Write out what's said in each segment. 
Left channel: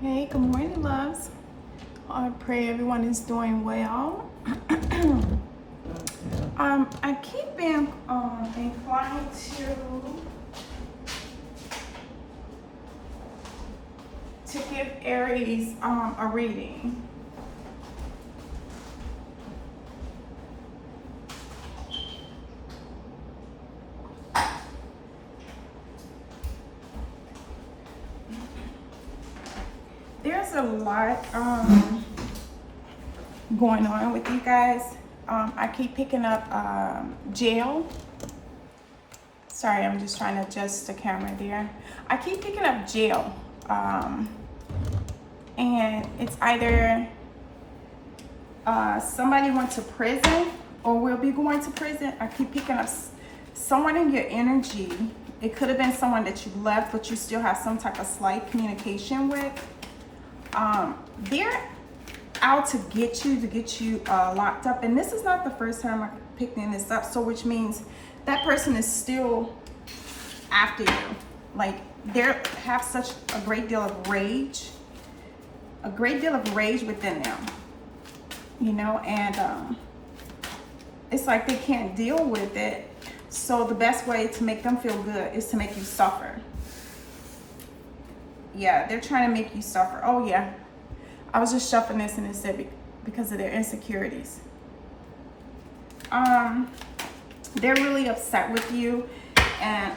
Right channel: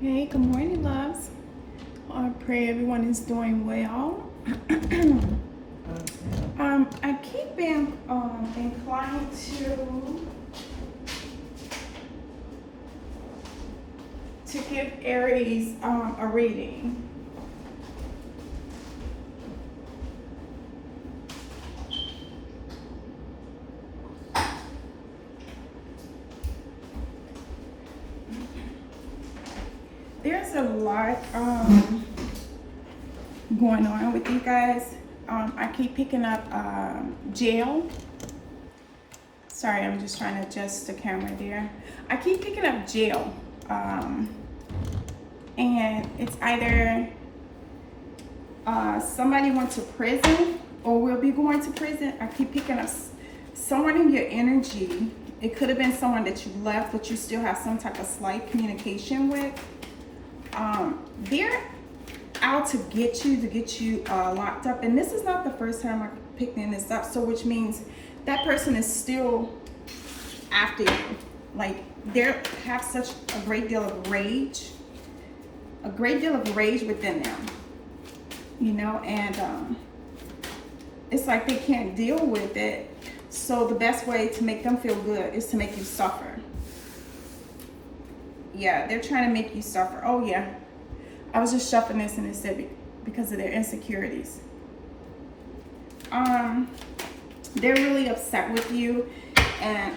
Hey, good morning, loves. I pray everyone is doing well. I keep being inclined to give Aries a reading. There's a lot going on with you guys. I keep picking up jail. Sorry, I'm just trying to adjust the camera there. I keep picking up jail. And it's either somebody went to prison or will be going to prison. I keep picking up someone in your energy. It could have been someone that you left, but you still have some type of slight communication with. They're out to get you locked up. And this is not the first time I'm picking this up. So which means that person is still after you. Like they have such a great deal of rage. A great deal of rage within them. You know, and it's like they can't deal with it. So the best way to make them feel good is to make you suffer. Yeah, they're trying to make you suffer. Oh yeah, I was just shuffling this and it said because of their insecurities. They're really upset with you, and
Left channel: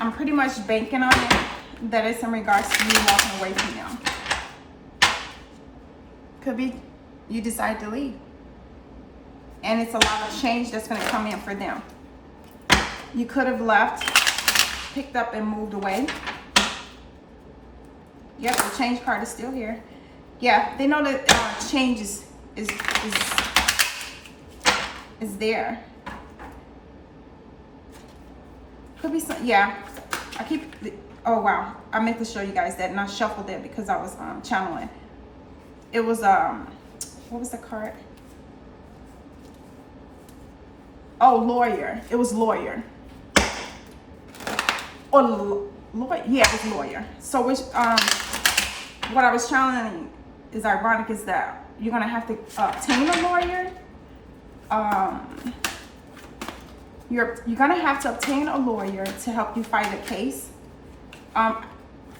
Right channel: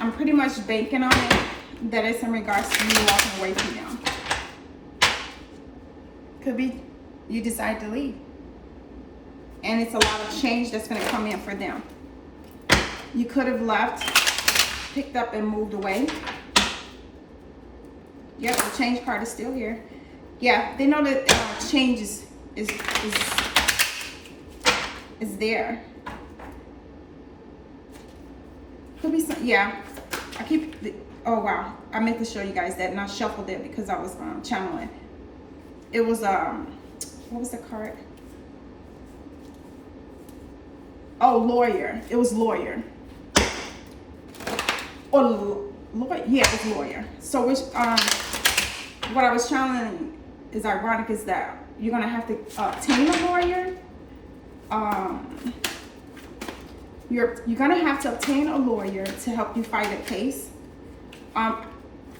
I'm pretty much banking on it that it's in regards to you walking away from them. Could be you decide to leave, and it's a lot of change that's going to come in for them. You could have left, picked up, and moved away. Yep, the change card is still here. Yeah, they know that change is there. Could be some, yeah. I keep, oh wow, I meant to show you guys that, and I shuffled it because I was channeling. It was what was the card? Oh, lawyer. It was lawyer. Oh, lawyer. Yeah, it was lawyer. So which what I was channeling is ironic is that you're gonna have to obtain a lawyer. You're gonna have to obtain a lawyer to help you fight a case.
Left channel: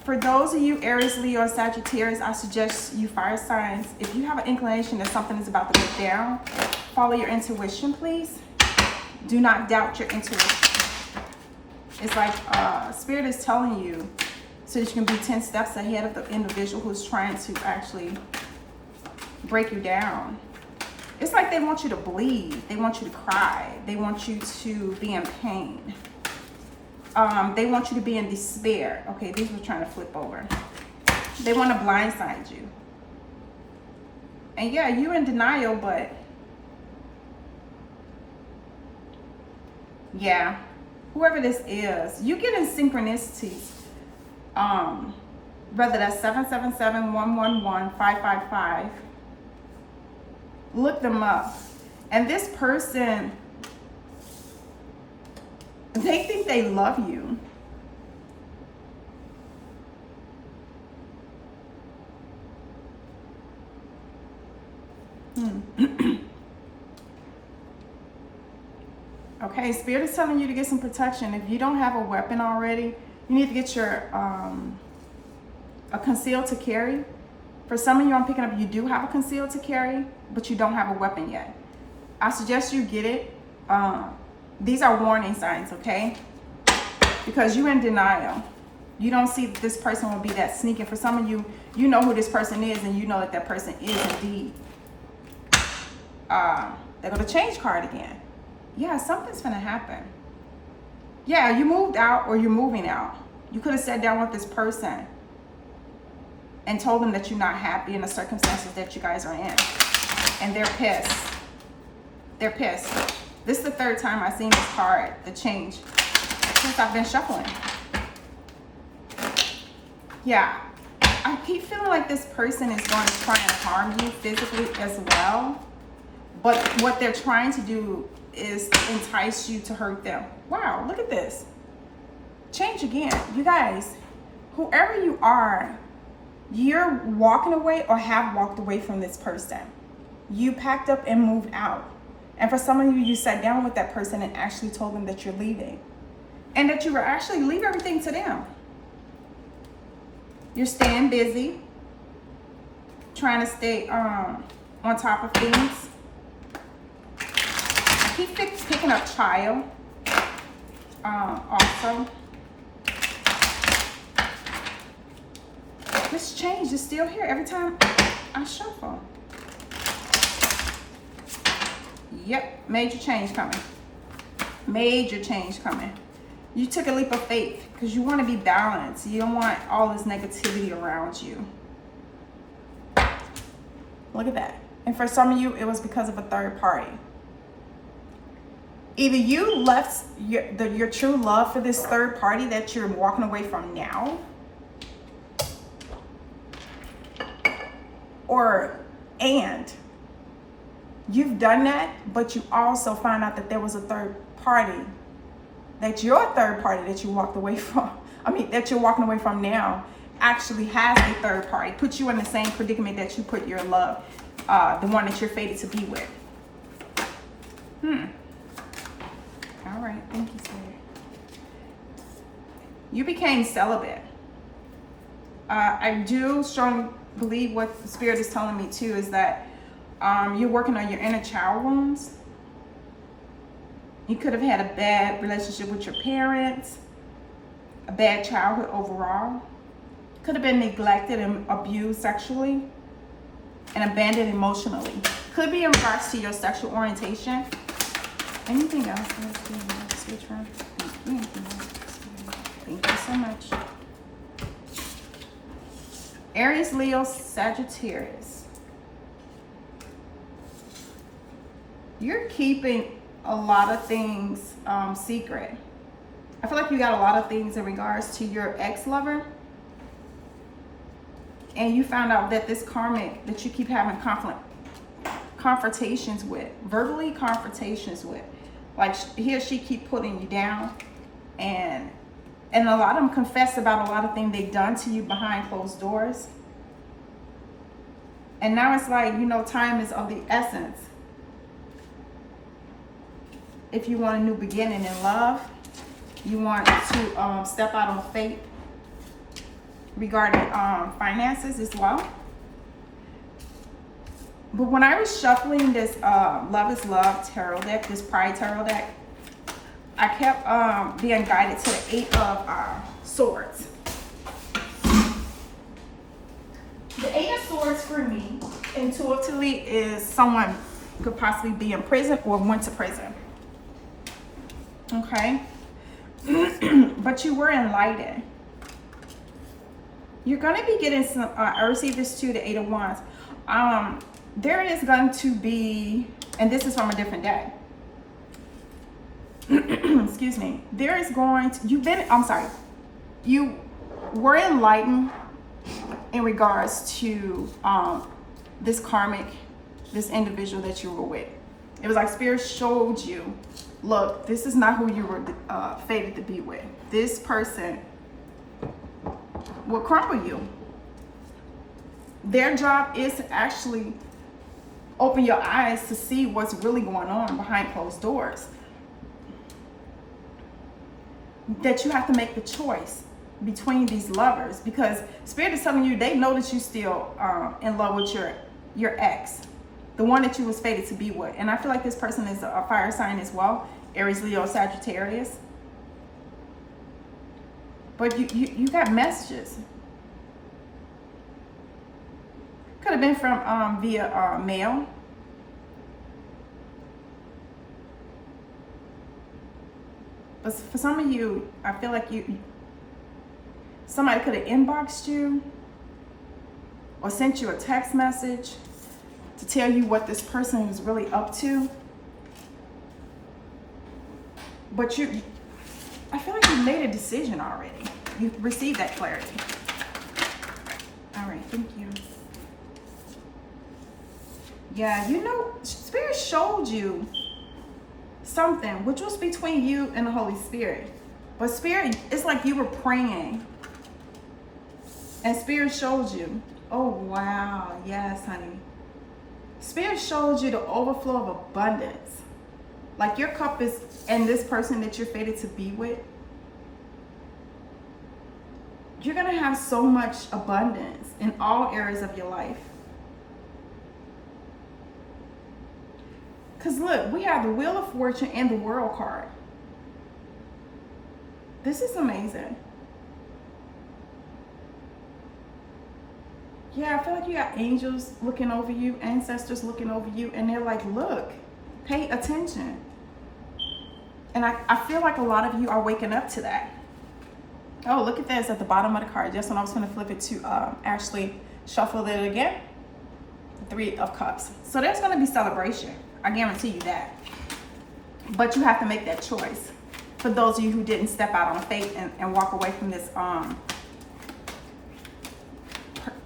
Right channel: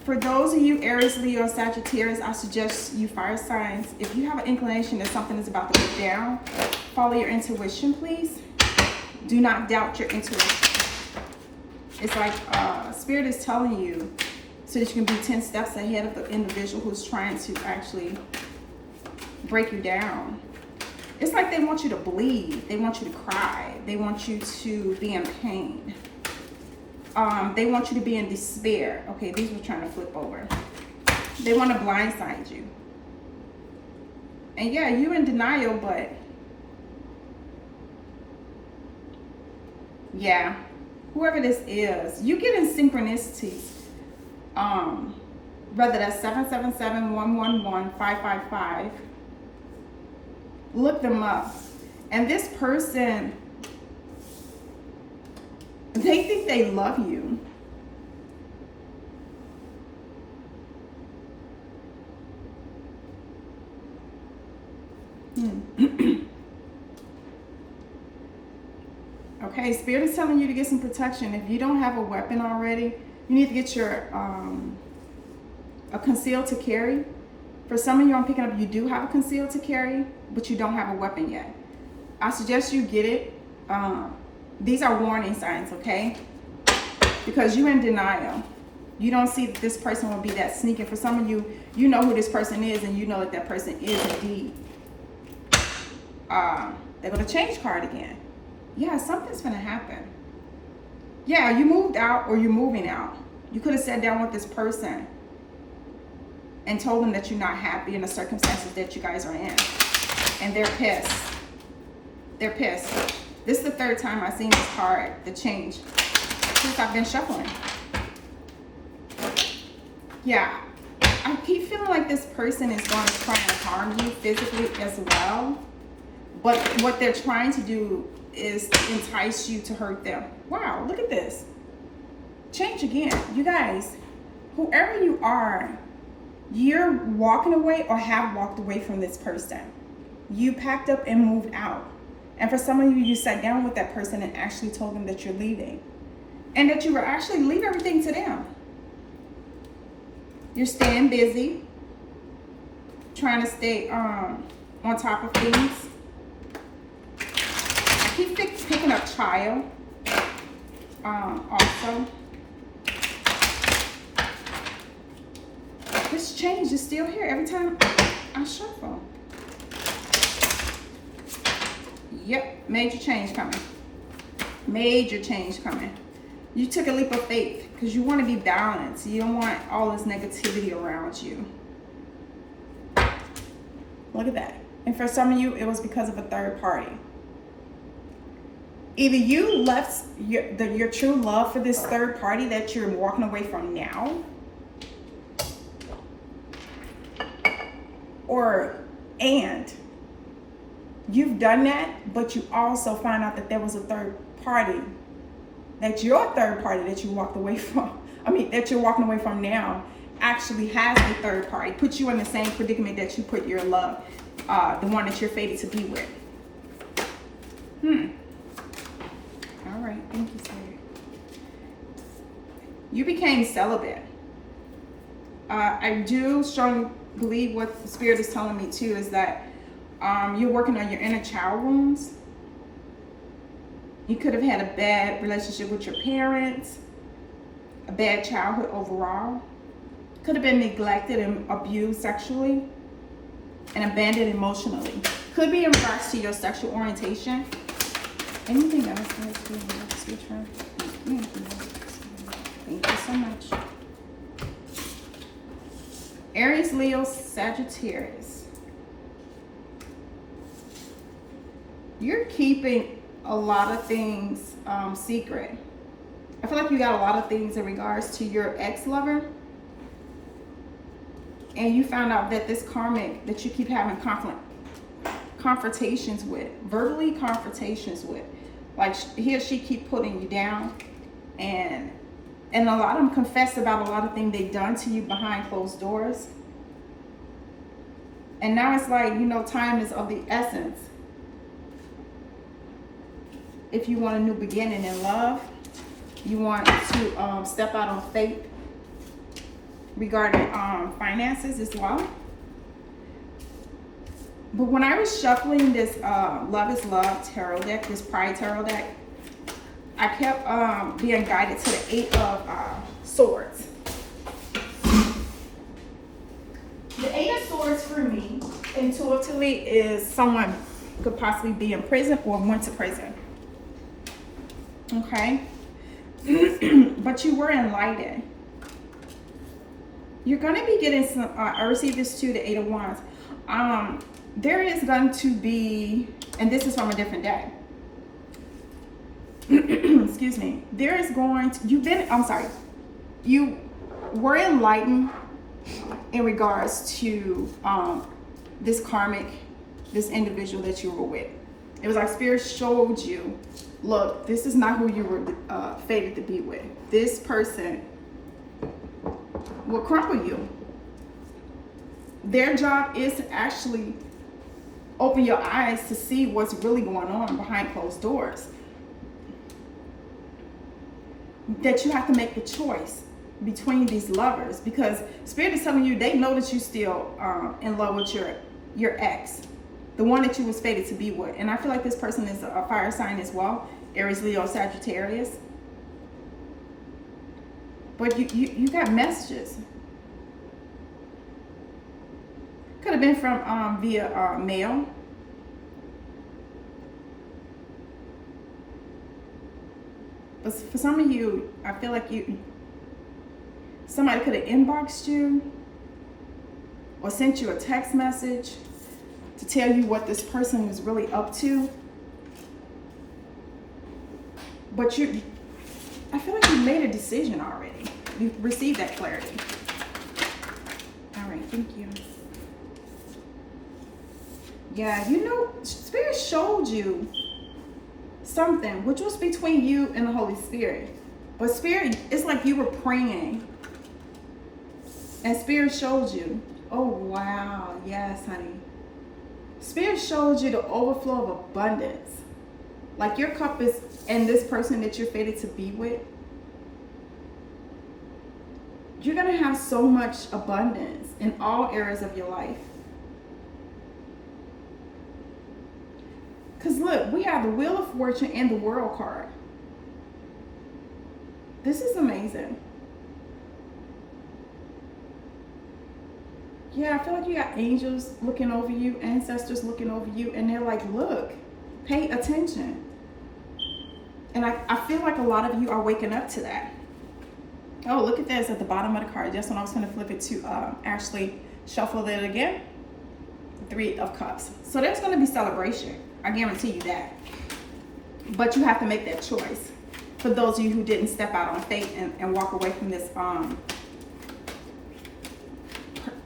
For those of you Aries, Leo, and Sagittarius, I suggest you fire signs. If you have an inclination that something is about to go down, follow your intuition, please. Do not doubt your intuition. It's like Spirit is telling you so that you can be 10 steps ahead of the individual who's trying to actually break you down. It's like they want you to bleed. They want you to cry. They want you to be in pain. They want you to be in despair. Okay, these were trying to flip over. They want to blindside you. And yeah, you're in denial, but yeah, whoever this is, you get in synchronicities. Whether that's 777, 111, 555. Look them up. And this person, they think they love you. Okay, Spirit is telling you to get some protection. If you don't have a weapon already, you need to get your a concealed to carry. For some of you I'm picking up, you do have a concealed to carry, but you don't have a weapon yet. I suggest you get it. These are warning signs, okay? Because you're in denial. You don't see that this person will be that sneaky. For some of you, you know who this person is, and you know that that person is indeed. They're going to change card again. Yeah, something's going to happen. Yeah, you moved out or you're moving out. You could have sat down with this person and told them that you're not happy in the circumstances that you guys are in. And they're pissed. They're pissed. This is the third time I've seen this card, the change, since I've been shuffling. Yeah, I keep feeling like this person is going to try and harm you physically as well. But what they're trying to do is to entice you to hurt them. Wow, look at this. Change again. You guys, whoever you are, You're walking away or have walked away from this person. You packed up and moved out. And for some of you, you sat down with that person and actually told them that you're leaving. And that you were actually leave everything to them. You're staying busy. Trying to stay on top of things. Keep picking up child. Also. This change is still here every time I shuffle. Yep, major change coming. Major change coming. You took a leap of faith because you want to be balanced. You don't want all this negativity around you. Look at that. And for some of you, it was because of a third party. Either you left your true love for this third party that you're walking away from now, and you've done that, but you also find out that there was a third party, that your third party that you walked away from, that you're walking away from now, actually has a third party, put you in the same predicament that you put your love, the one that you're fated to be with. All right, thank you, sweetie. You became celibate. I do strongly believe what the Spirit is telling me too is that you're working on your inner child wounds. You could have had a bad relationship with your parents, a bad childhood overall. Could have been neglected and abused sexually and abandoned emotionally. Could be in regards to your sexual orientation. Anything else? Switch from? Thank you so much. Aries, Leo, Sagittarius. You're keeping a lot of things secret. I feel like you got a lot of things in regards to your ex-lover. And you found out that this karmic that you keep having confrontations with, verbally confrontations with, like he or she keep putting you down, and a lot of them confess about a lot of things they've done to you behind closed doors. And now it's like, time is of the essence. If you want a new beginning in love, you want to step out on faith regarding finances as well. But when I was shuffling this Love is Love tarot deck, this Pride tarot deck, I kept being guided to the 8 of Swords. The 8 of Swords for me, intuitively, is someone could possibly be in prison or went to prison. Okay? But you were enlightened. You're going to be getting some, I received this too, the 8 of Wands. There is going to be, and this is from a different deck. Excuse me. There is going to, you were enlightened in regards to this karmic, this individual that you were with. It was like Spirit showed you, look, this is not who you were fated to be with. This person will crumble you. Their job is to actually open your eyes to see what's really going on behind closed doors. That you have to make the choice between these lovers, because Spirit is telling you they know that you still in love with your ex, the one that you was fated to be with. And I feel like this person is a fire sign as well, Aries, Leo, Sagittarius. But you got messages. Could have been from via mail. But for some of you, I feel like somebody could have inboxed you or sent you a text message to tell you what this person was really up to. But I feel like you made a decision already. You received that clarity. All right, thank you. Yeah, Spirit showed you something which was between you and the Holy Spirit. But Spirit, it's like you were praying And Spirit showed you. Oh, wow. Yes, honey. Spirit showed you the overflow of abundance. Like your cup is, and this person that you're fated to be with, you're going to have so much abundance in all areas of your life. Because look, we have the Wheel of Fortune and the World card. This is amazing. Yeah, I feel like you got angels looking over you, ancestors looking over you, and they're like, look, pay attention. And I feel like a lot of you are waking up to that. Oh, look at this at the bottom of the card. Just when I was going to flip it to actually shuffle it again. 3 of Cups. So there's going to be celebration. I guarantee you that. But you have to make that choice. For those of you who didn't step out on faith and walk away from this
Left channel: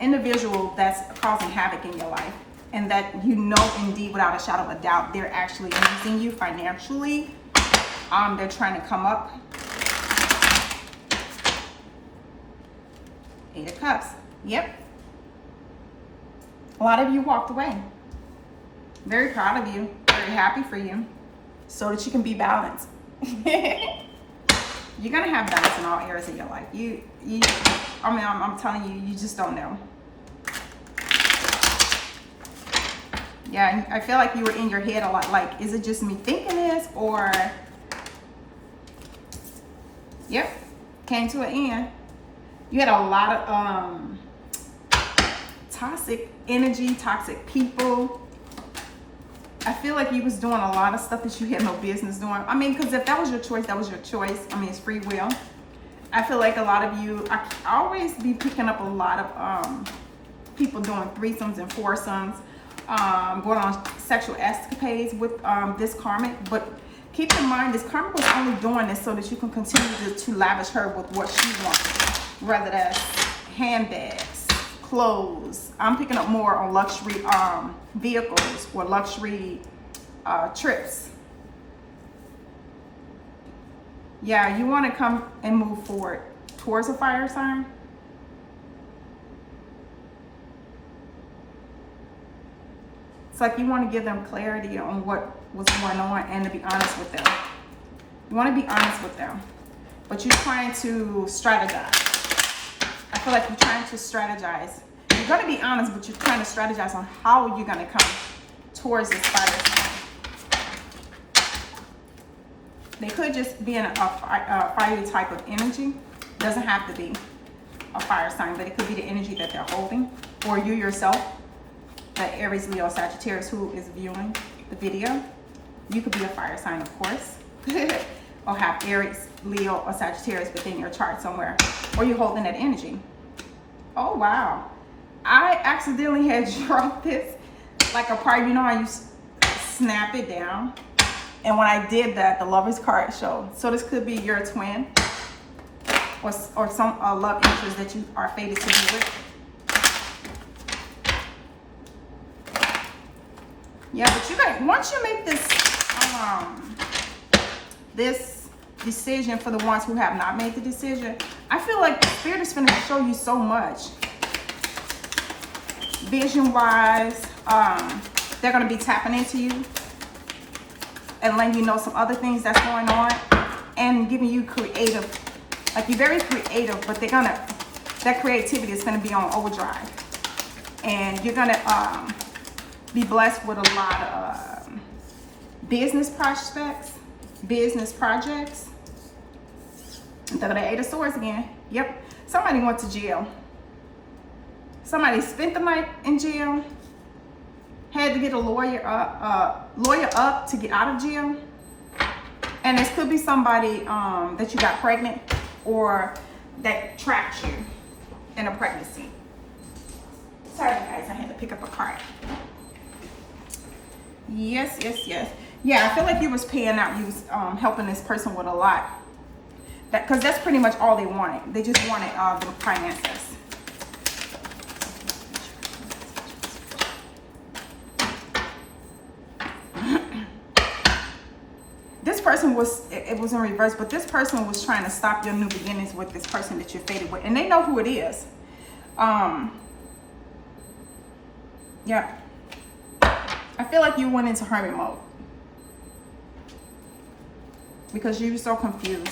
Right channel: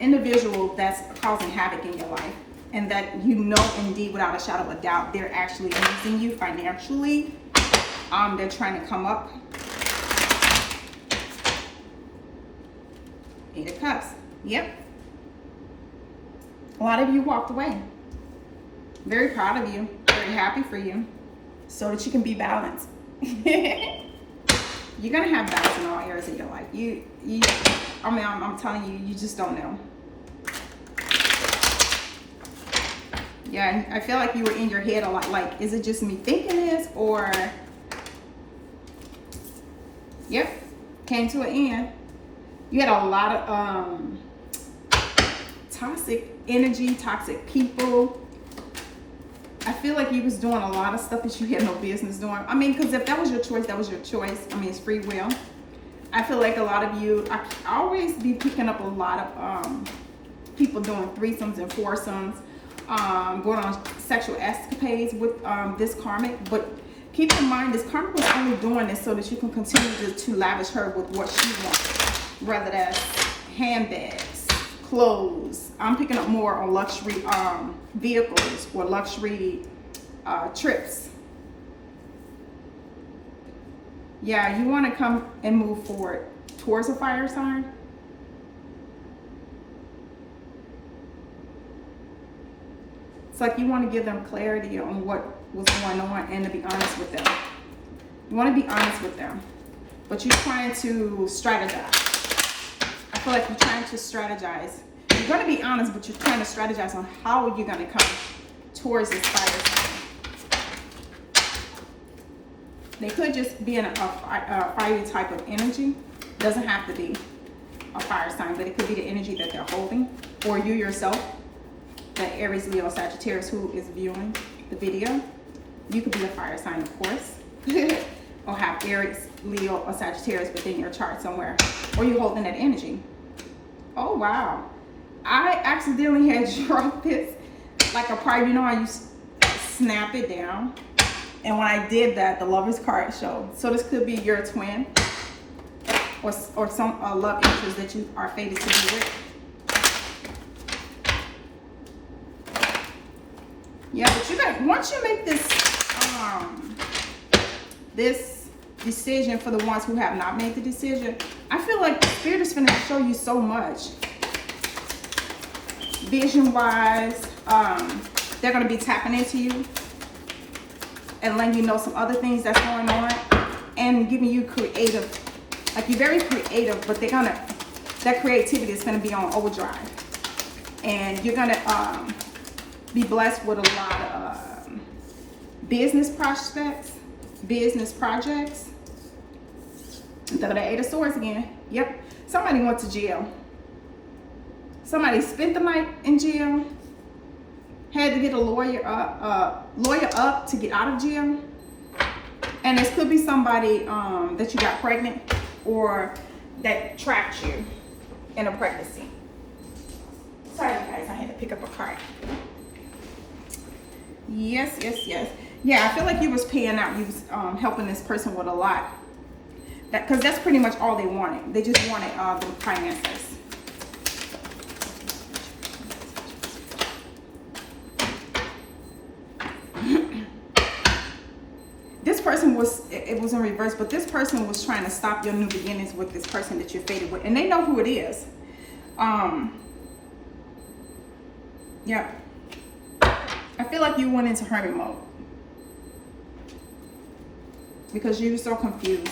individual that's causing havoc in your life, and that you know indeed without a shadow of a doubt they're actually using you financially. They're trying to come up. 8 of Cups. Yep. A lot of you walked away. Very proud of you. Very happy for you. So that you can be balanced. You're gonna have balance in all areas of your life. I'm telling you, you just don't know. Yeah, I feel like you were in your head a lot. Like, is it just me thinking this, or? Yep, came to an end. You had a lot of toxic energy, toxic people. I feel like you was doing a lot of stuff that you had no business doing. I mean, because if that was your choice, that was your choice. I mean, it's free will. I feel like a lot of you, I always be picking up a lot of people doing threesomes and foursomes, going on sexual escapades with this karmic. But keep in mind, this karmic was only doing this so that you can continue to lavish her with what she wants, whether that's handbags, clothes. I'm picking up more on luxury vehicles or luxury trips. Yeah, you want to come and move forward towards a fire sign. It's like you want to give them clarity on what was going on and to be honest with them. You want to be honest with them, but you're trying to strategize. I feel like you're trying to strategize. You're going to be honest, but you're trying to strategize on how you're going to come towards this fire sign. They could just be in a fiery type of energy. It doesn't have to be a fire sign, but it could be the energy that they're holding, or you yourself, an Aries, Leo, Sagittarius who is viewing the video. You could be a fire sign, of course, or have Aries, Leo, or Sagittarius within your chart somewhere, or you're holding that energy. Oh, wow. I accidentally had dropped this like a part, you know how you snap it down? And when I did that, the Lovers card showed. So this could be your twin or some love interest that you are fated to be with. Yeah, but you like, once you make this this decision, for the ones who have not made the decision, I feel like the Spirit is going to show you so much. Vision-wise, they're going to be tapping into you and letting you know some other things that's going on, and giving you creative, like you're very creative, but that creativity is gonna be on overdrive, and you're gonna be blessed with a lot of business prospects, business projects. And the 8 of Swords again. Yep, somebody went to jail. Somebody spent the night in jail. Had to get a lawyer up to get out of jail. And this could be somebody that you got pregnant, or that trapped you in a pregnancy. Sorry guys, I had to pick up a card. Yes. Yeah, I feel like you was paying out. You was helping this person with a lot. Because that's pretty much all they wanted. They just wanted the finances. This person was, it was in reverse, but this person was trying to stop your new beginnings with this person that you're fated with. And they know who it is. Yeah. I feel like you went into hermit mode because you were so confused.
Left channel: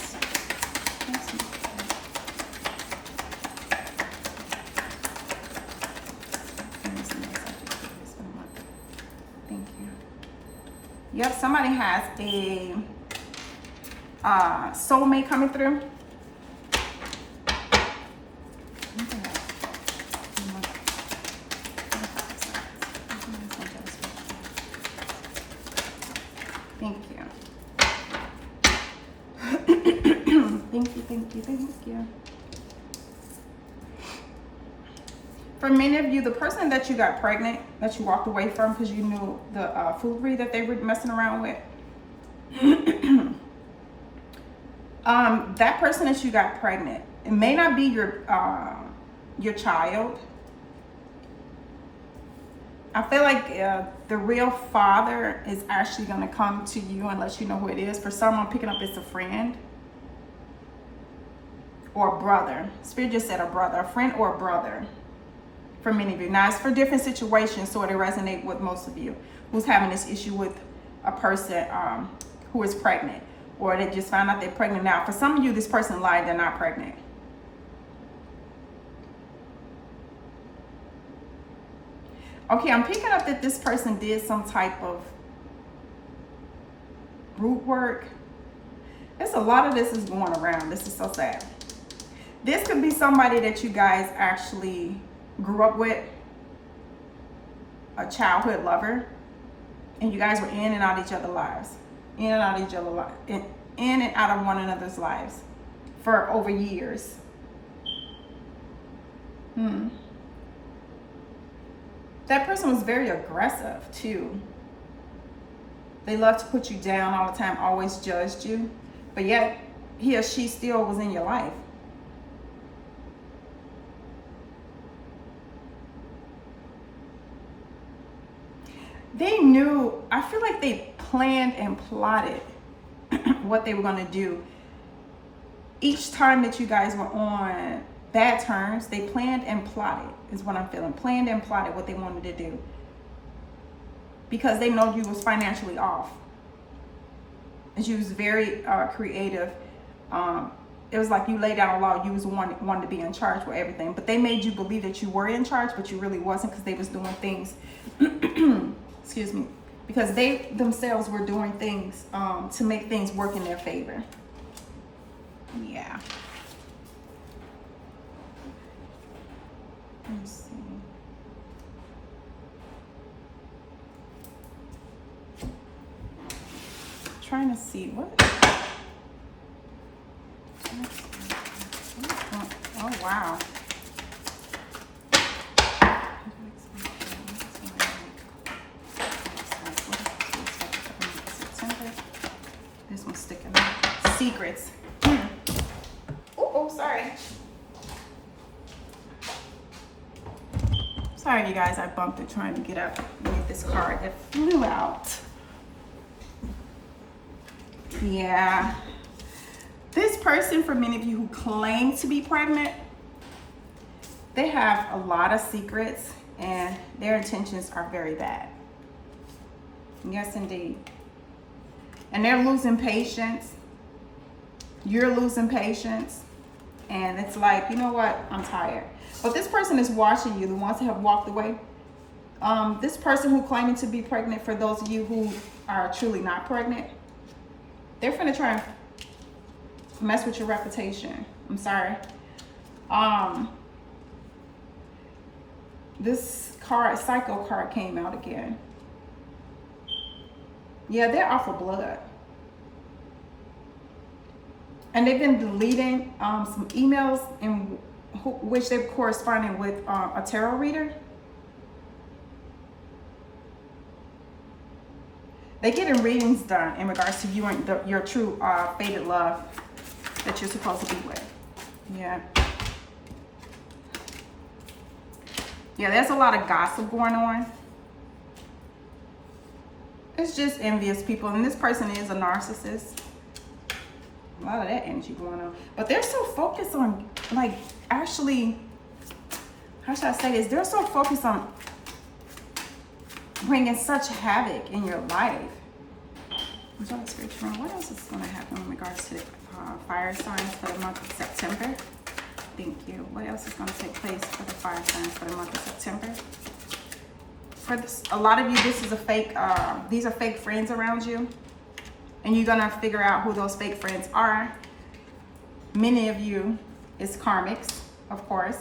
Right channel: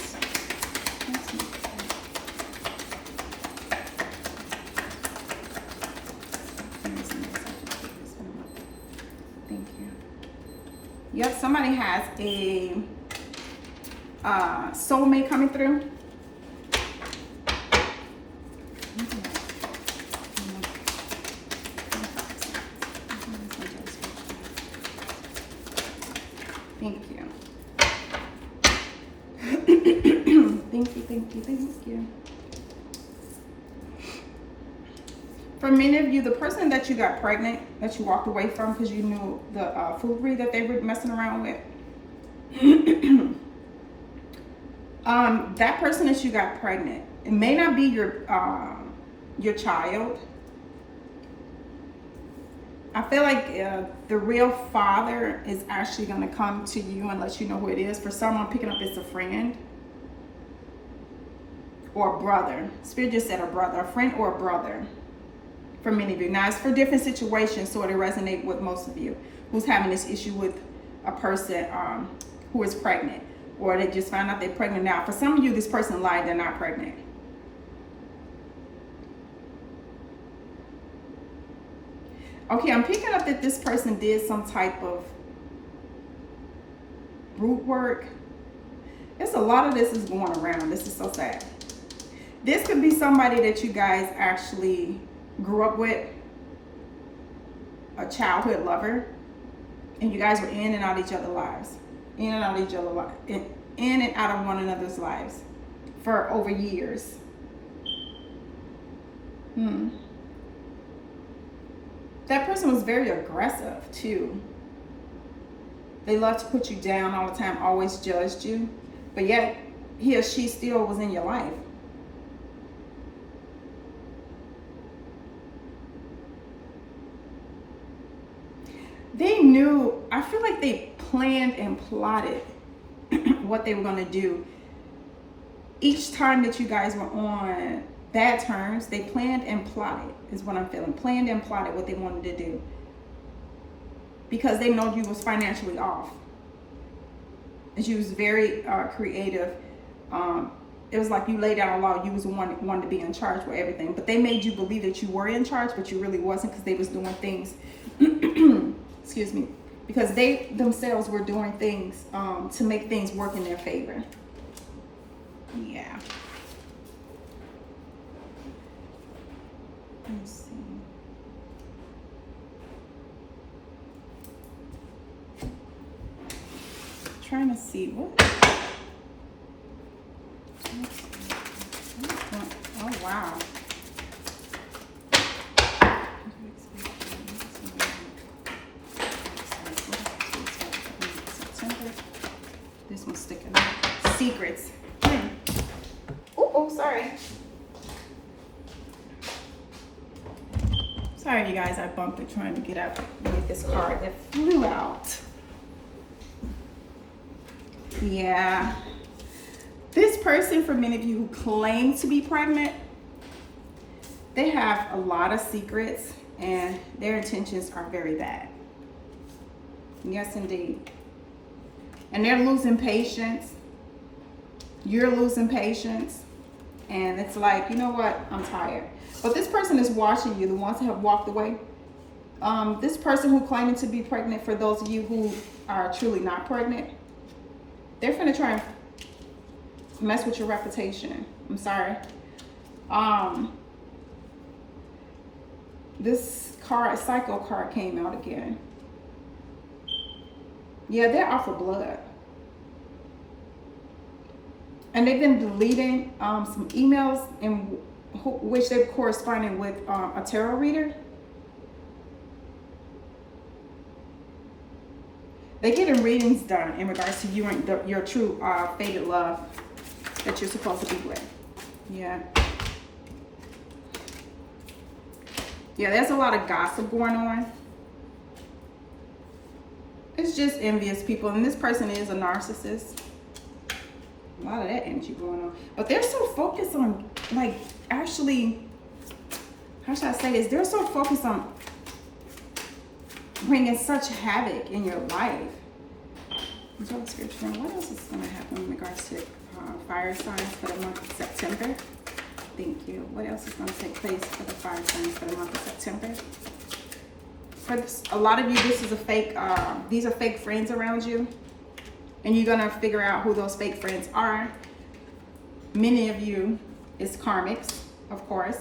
Thank you. Yep, somebody has a soulmate coming through. Thank you. Thank you. For many of you, the person that you got pregnant, that you walked away from because you knew the foolery that they were messing around with, that person that you got pregnant, it may not be your child. I feel like the real father is actually going to come to you and let you know who it is. For someone picking up, it's a friend or a brother. Spirit just said a brother, a friend or a brother. For many of you. Now, it's for different situations, so it'll resonate with most of you who's having this issue with a person who is pregnant, or they just found out they're pregnant now. For some of you, this person lied, they're not pregnant. Okay, I'm picking up that this person did some type of root work. There's a lot of this is going around. This is so sad. This could be somebody that you guys actually grew up with, a childhood lover, and you guys were in and out of each other's lives, in and out of one another's lives for over years. That person was very aggressive too. They love to put you down all the time, always judged you, but yet he or she still was in your life. They knew, I feel like they planned and plotted what they were going to do. Each time that you guys were on bad terms, they planned and plotted, is what I'm feeling. Planned and plotted what they wanted to do. Because they know you was financially off. And she was very creative. It was like you laid down a law, you was one to be in charge for everything. But they made you believe that you were in charge, but you really wasn't, because they was doing things excuse me, because they themselves were doing things to make things work in their favor. Yeah. Let me see. Trying to see what. Oh wow. This one's sticking out. Secrets. Oh, sorry. Sorry, you guys. I bumped it trying to get up and get this card that flew out. Yeah. This person, for many of you who claim to be pregnant, they have a lot of secrets and their intentions are very bad. Yes, indeed. And they're losing patience. You're losing patience. And it's like, you know what? I'm tired. But this person is watching you, the ones who have walked away. This person who claiming to be pregnant, for those of you who are truly not pregnant, they're gonna try and mess with your reputation. I'm sorry. This card, Psycho card, came out again. Yeah, they're off of blood. And they've been deleting some emails in which they're corresponding with a tarot reader. They're getting readings done in regards to you and your true fated love that you're supposed to be with. Yeah. Yeah, there's a lot of gossip going on. It's just envious people. And this person is a narcissist. A lot of that energy going on. But they're so focused on, like, actually, how should I say this? They're so focused on bringing such havoc in your life. What else is going to happen in regards to fire signs for the month of September? Thank you. What else is going to take place for the fire signs for the month of September? For this, a lot of you, this is a fake, these are fake friends around you. And you're going to figure out who those fake friends are. Many of you is karmics, of course.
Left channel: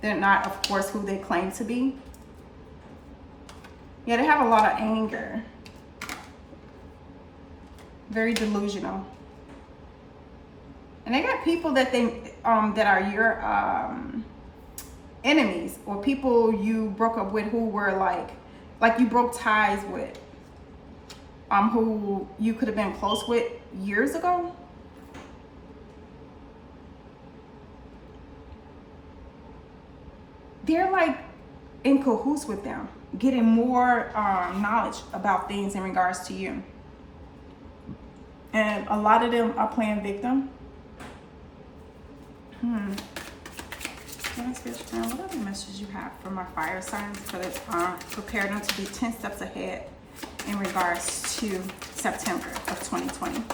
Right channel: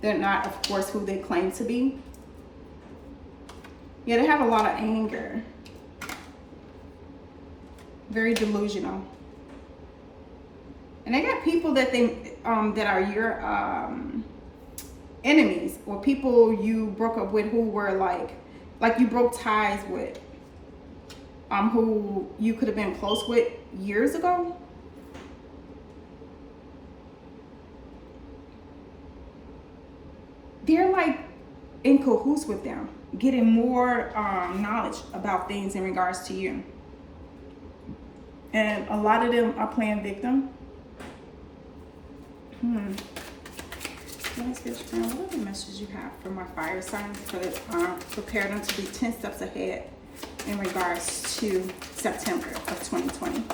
They're not, of course, who they claim to be. Yeah, they have a lot of anger. Very delusional. And they got people that they that are your enemies, or people you broke up with who were like you broke ties with, who you could have been close with years ago. They're like in cahoots with them, getting more knowledge about things in regards to you. And a lot of them are playing victim. What is this from? What other message you have for my fire signs? Prepare them to be 10 steps ahead in regards to September of 2020.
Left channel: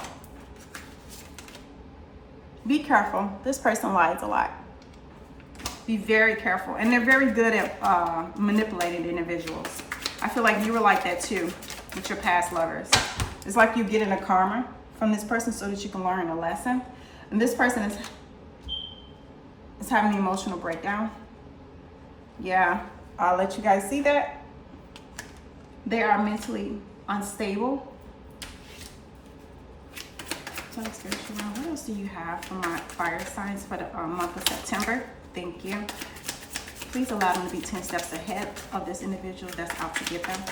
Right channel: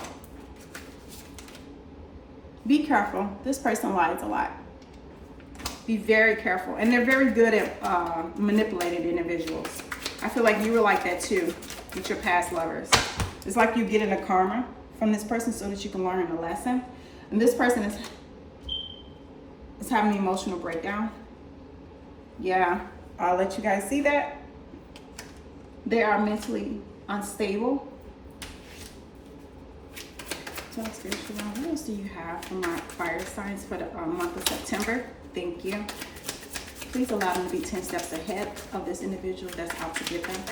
Be careful. This person lies a lot. Be very careful. And they're very good at manipulating individuals. I feel like you were like that too with your past lovers. It's like you're getting a karma from this person so that you can learn a lesson. And this person is having an emotional breakdown. Yeah, I'll let you guys see that. They are mentally unstable. What else do you have for my fire signs for the month of September? Thank you. Please allow them to be 10 steps ahead of this individual that's out to get them,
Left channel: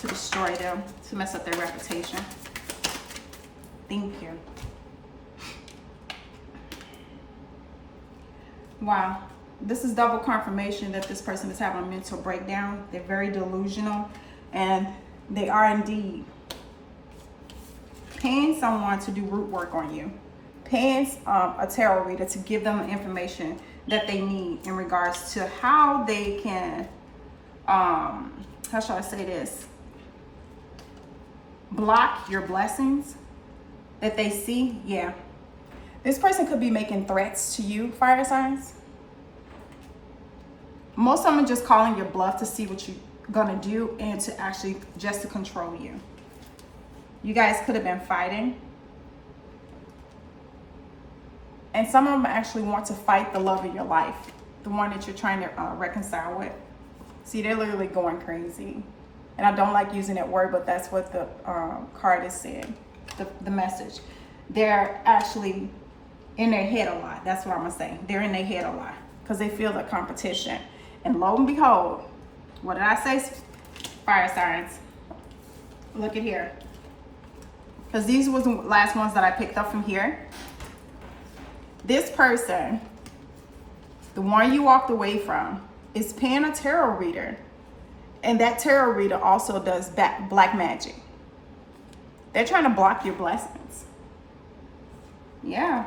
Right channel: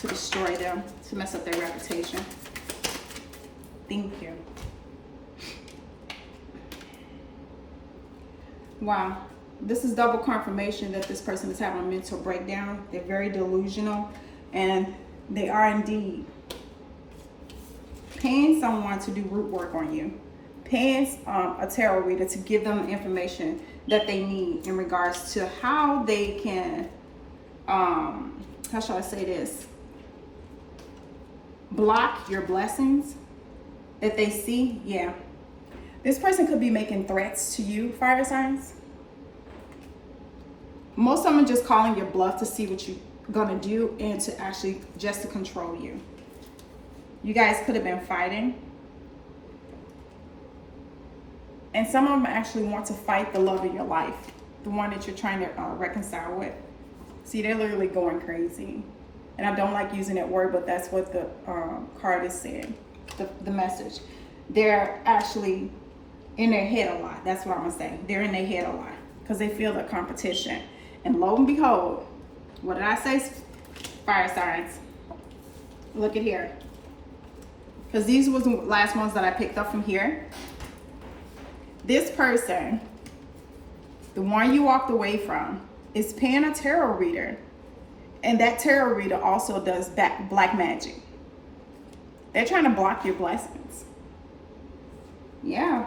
to destroy them, to mess up their reputation. Thank you. Wow. This is double confirmation that this person is having a mental breakdown. They're very delusional, and they are indeed paying someone to do root work on you. Paying a tarot reader to give them the information that they need in regards to how they can, how shall I say this? Block your blessings that they see. Yeah. This person could be making threats to you, fire signs. Most of them are just calling your bluff to see what you're gonna do and to actually just to control you. You guys could have been fighting. And some of them actually want to fight the love of your life, the one that you're trying to reconcile with. See, they're literally going crazy. And I don't like using that word, but that's what the card is saying, the message. They're actually in their head a lot. That's what I'm gonna say. They're in their head a lot because they feel the competition. And lo and behold, what did I say? Fire signs. Look at here. Because these was the last ones that I picked up from here. This person, the one you walked away from, is paying a tarot reader. And that tarot reader also does black magic. They're trying to block your blessings. Yeah.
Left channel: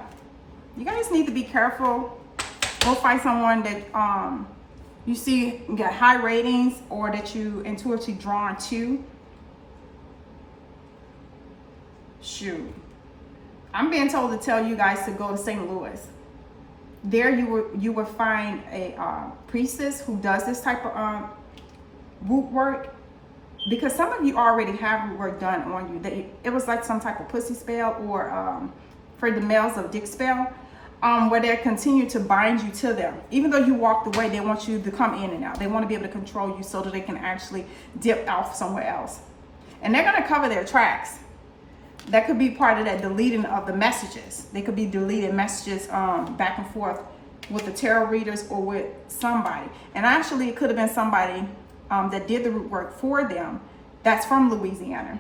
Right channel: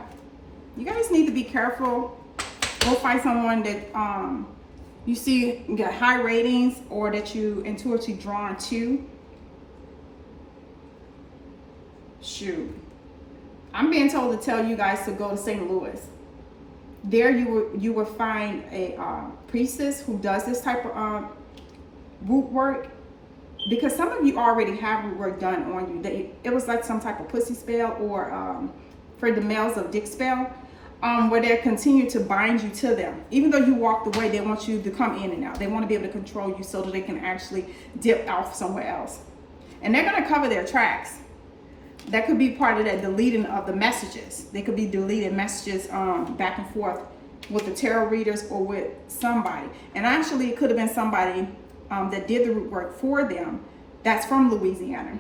You guys need to be careful. Go find someone that you see get high ratings or that you intuitively drawn to. Shoot. I'm being told to tell you guys to go to St. Louis. There you will find a priestess who does this type of root work, because some of you already have root work done on you. It was like some type of pussy spell or for the males of dick spell, where they continue to bind you to them. Even though you walked away, they want you to come in and out. They want to be able to control you so that they can actually dip off somewhere else. And they're going to cover their tracks. That could be part of that deleting of the messages. They could be deleting messages back and forth with the tarot readers or with somebody. And actually, it could have been somebody that did the root work for them that's from Louisiana.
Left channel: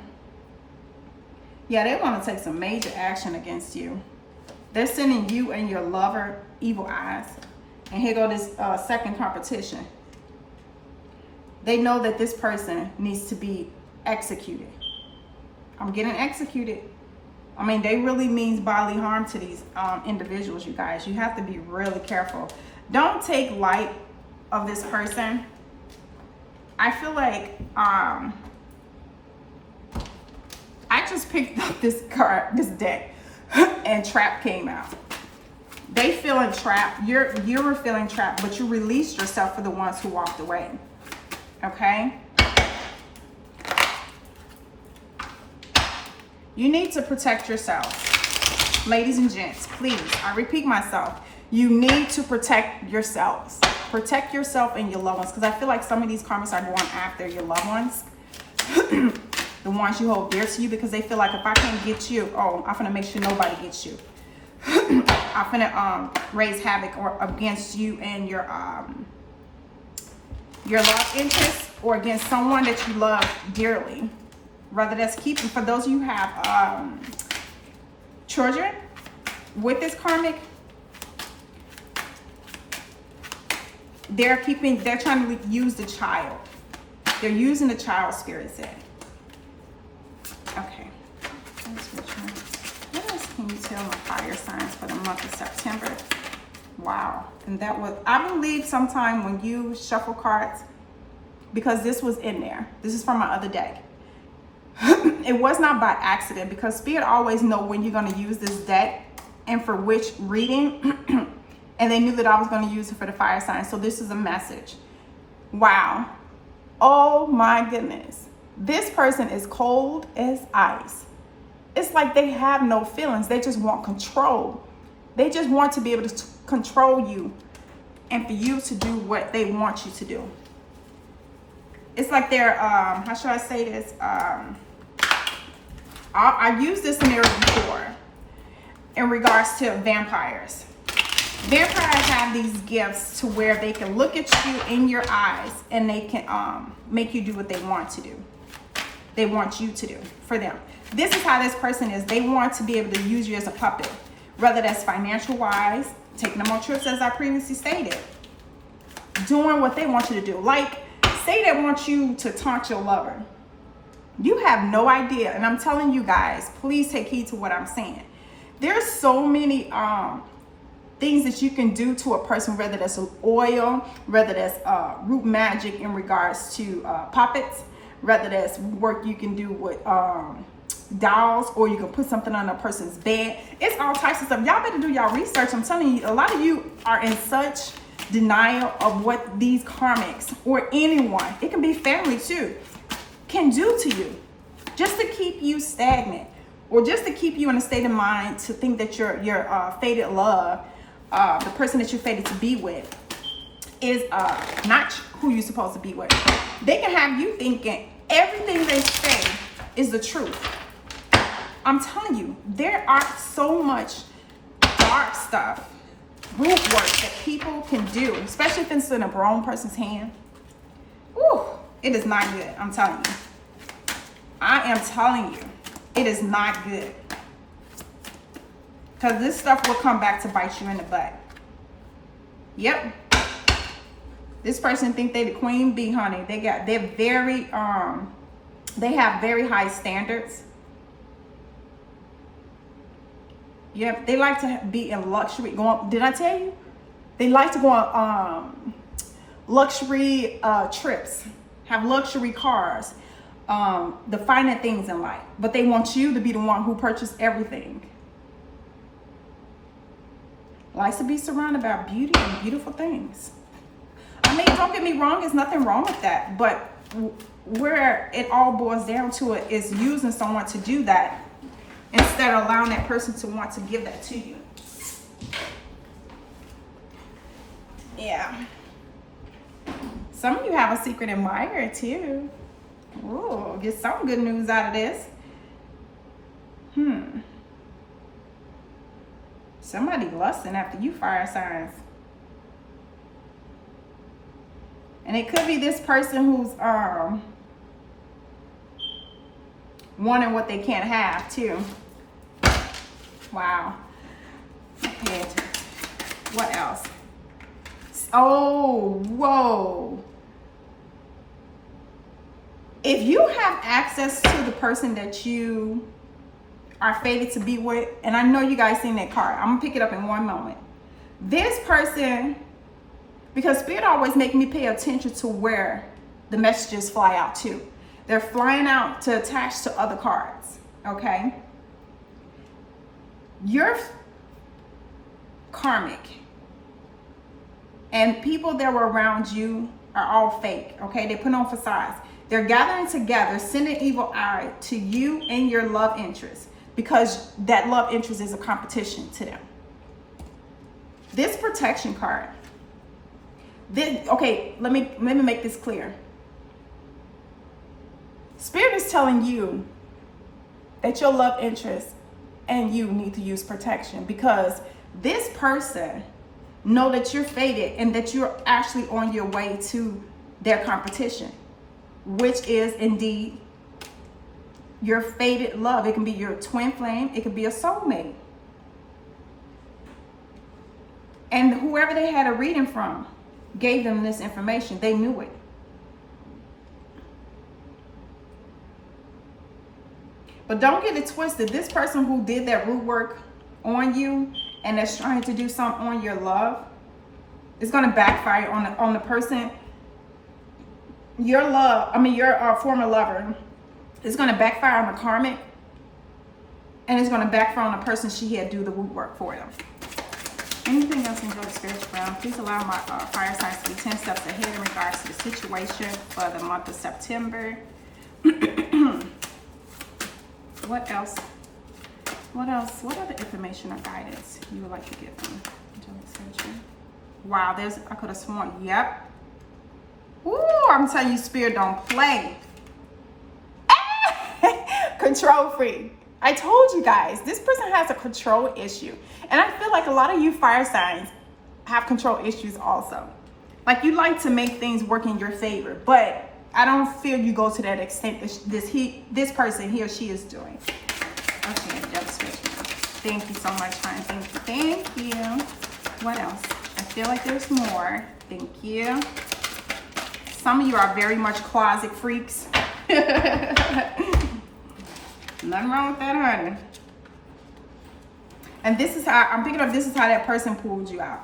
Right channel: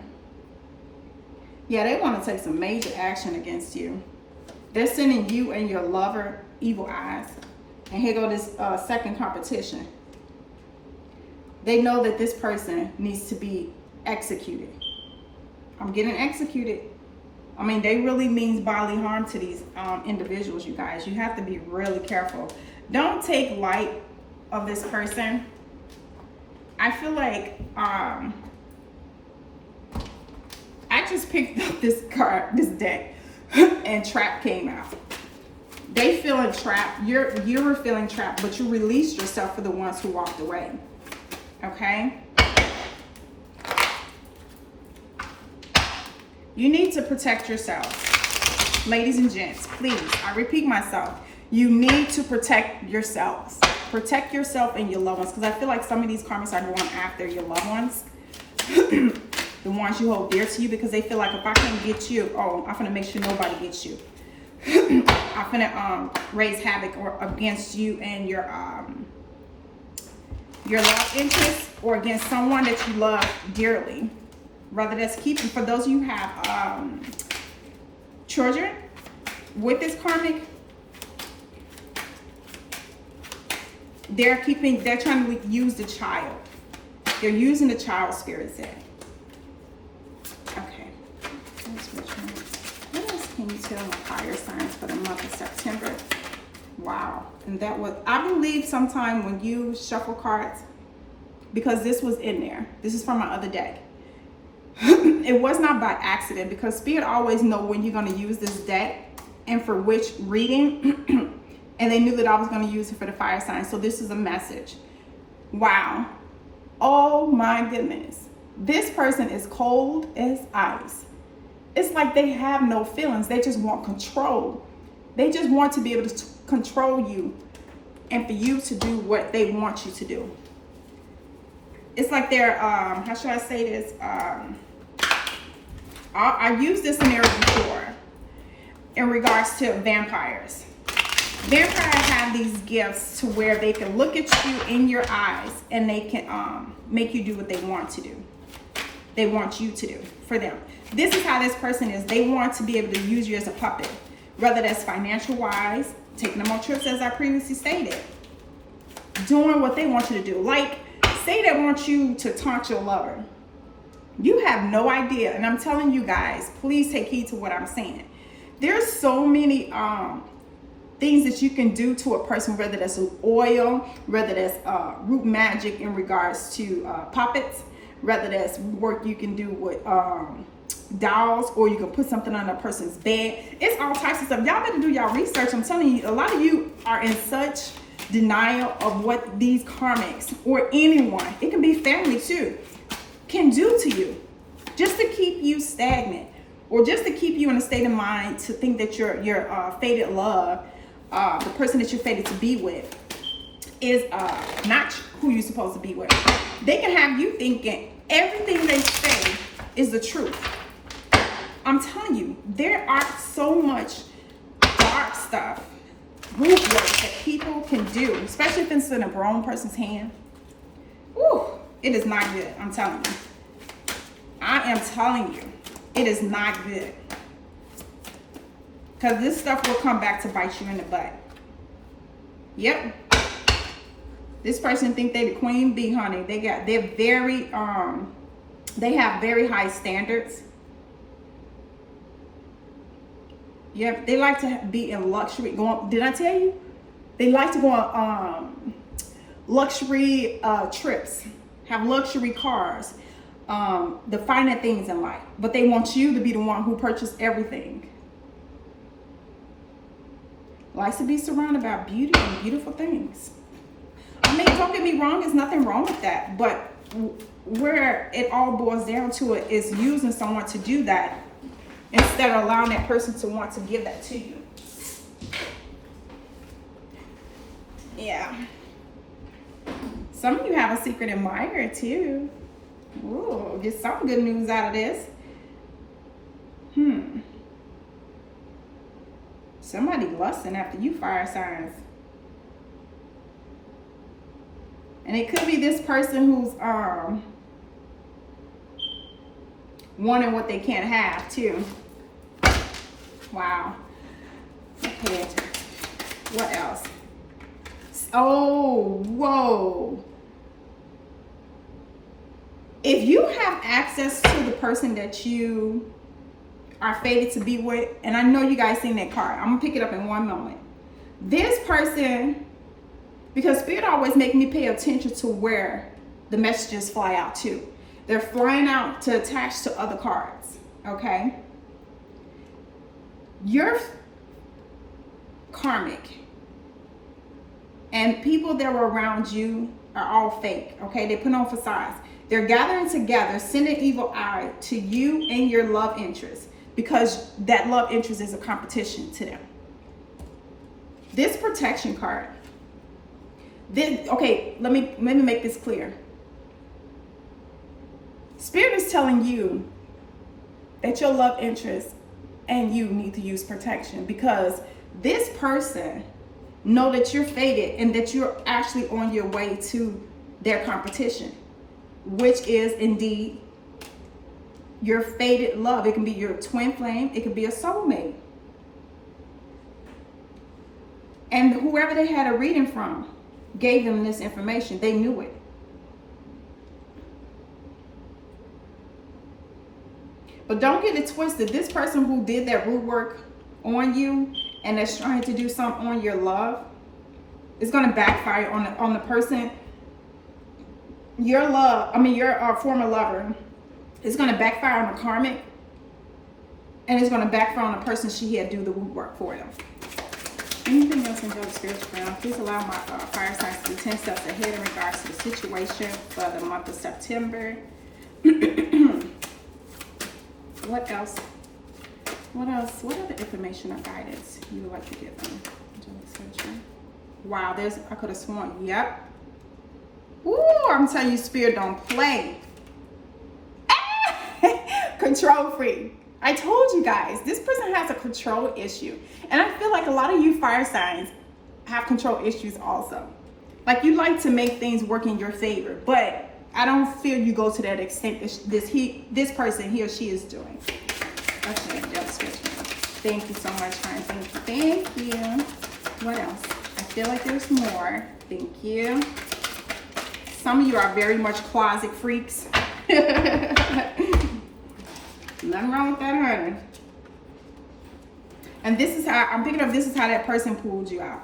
Yeah, they want to take some major action against you. They're sending you and your lover evil eyes. And here go this second competition. They know that this person needs to be executed. I'm getting executed. I mean, they really means bodily harm to these individuals, you guys. You have to be really careful. Don't take light of this person, I feel like I just picked up this card, this deck, and trap came out. They feeling trapped. You were feeling trapped, but you released yourself for the ones who walked away. Okay? You need to protect yourself. Ladies and gents, please, I repeat myself. You need to protect yourselves. Protect yourself and your loved ones, because I feel like some of these karmas are going after your loved ones. The ones you hold dear to you, because they feel like if I can't get you, oh, I'm gonna make sure nobody gets you. I'm gonna raise havoc or against you and your love interest, or against someone that you love dearly. Whether that's keeping, for those of you who have children with this karmic, they're trying to use the child. They're using the child spirit set. Okay. What else can you tell the fire signs for the month of September? Wow. And that was, I believe sometime when you shuffle cards, because this was in there. This is from my other deck. It was not by accident, because Spirit always know when you're going to use this deck and for which reading. And they knew that I was going to use it for the fire sign. So this is a message. Wow. Oh my goodness. This person is cold as ice. It's like they have no feelings. They just want control. They just want to be able to control you and for you to do what they want you to do. It's like they're, how should I say this? I used this mirror before in regards to vampires. Vampires have these gifts to where they can look at you in your eyes and they can make you do what they want to do. They want you to do for them. This is how this person is. They want to be able to use you as a puppet, whether that's financial wise, taking them on trips, as I previously stated, doing what they want you to do. Like, say they want you to taunt your lover. You have no idea, and I'm telling you guys, please take heed to what I'm saying. There's so many things that you can do to a person, whether that's oil, whether that's root magic in regards to puppets, whether that's work you can do with dolls, or you can put something on a person's bed. It's all types of stuff. Y'all better do y'all research. I'm telling you, a lot of you are in such denial of what these karmics, or anyone, it can be family too, can do to you, just to keep you stagnant, or just to keep you in a state of mind to think that your fated love, the person that you're fated to be with, is not who you're supposed to be with. They can have you thinking everything they say is the truth. I'm telling you, there are so much dark stuff, root work that people can do, especially if it's in a grown person's hand. Ooh, it is not good. I'm telling you. I am telling you, it is not good. Because this stuff will come back to bite you in the butt. Yep. This person think they the queen bee, honey. They're very they have very high standards. Yep, they like to be in luxury. Did I tell you? They like to go on luxury trips, have luxury cars, the finer things in life. But they want you to be the one who purchased everything. Likes to be surrounded by beauty and beautiful things. I mean, don't get me wrong, there's nothing wrong with that. But where it all boils down to it is using someone to do that, instead of allowing that person to want to give that to you. Yeah. Some of you have a secret admirer too. Ooh, get some good news out of this. Somebody lusting after you, fire signs. And it could be this person who's wanting what they can't have too. Wow. Okay. What else? Oh, whoa. If you have access to the person that you are fated to be with, and I know you guys seen that card, I'm gonna pick it up in one moment. This person Because Spirit always make me pay attention to where the messages fly out to. They're flying out to attach to other cards, okay? You're karmic. And people that were around you are all fake, okay? They put on facades. They're gathering together, sending evil eye to you and your love interest, because that love interest is a competition to them. This protection card, okay, let me make this clear. Spirit is telling you that your love interest and you need to use protection, because this person know that you're fated and that you're actually on your way to their competition, which is indeed your fated love. It can be your twin flame, it could be a soulmate. And whoever they had a reading from gave them this information. They knew it. But don't get it twisted. This person who did that root work on you and that's trying to do something on your love is going to backfire on the person. Your former lover is going to backfire on the karmic, and it's going to backfire on the person she had do the root work for them. Anything else in the spiritual realm? Please allow my fire signs to be 10 steps ahead in regards to the situation for the month of September. What else? What other information or guidance you would like to give them? Wow, I could have sworn. Yep. Ooh, I'm telling you, Spirit don't play. Control freak. I told you guys, this person has a control issue. And I feel like a lot of you fire signs have control issues also. Like, you like to make things work in your favor, but I don't feel you go to that extent this person, he or she is doing. Okay, just switch me. Thank you so much, honey. Thank you. What else? I feel like there's more. Thank you. Some of you are very much closet freaks. Nothing wrong with that, honey. And this is how, I'm picking up, this is how that person pulled you out.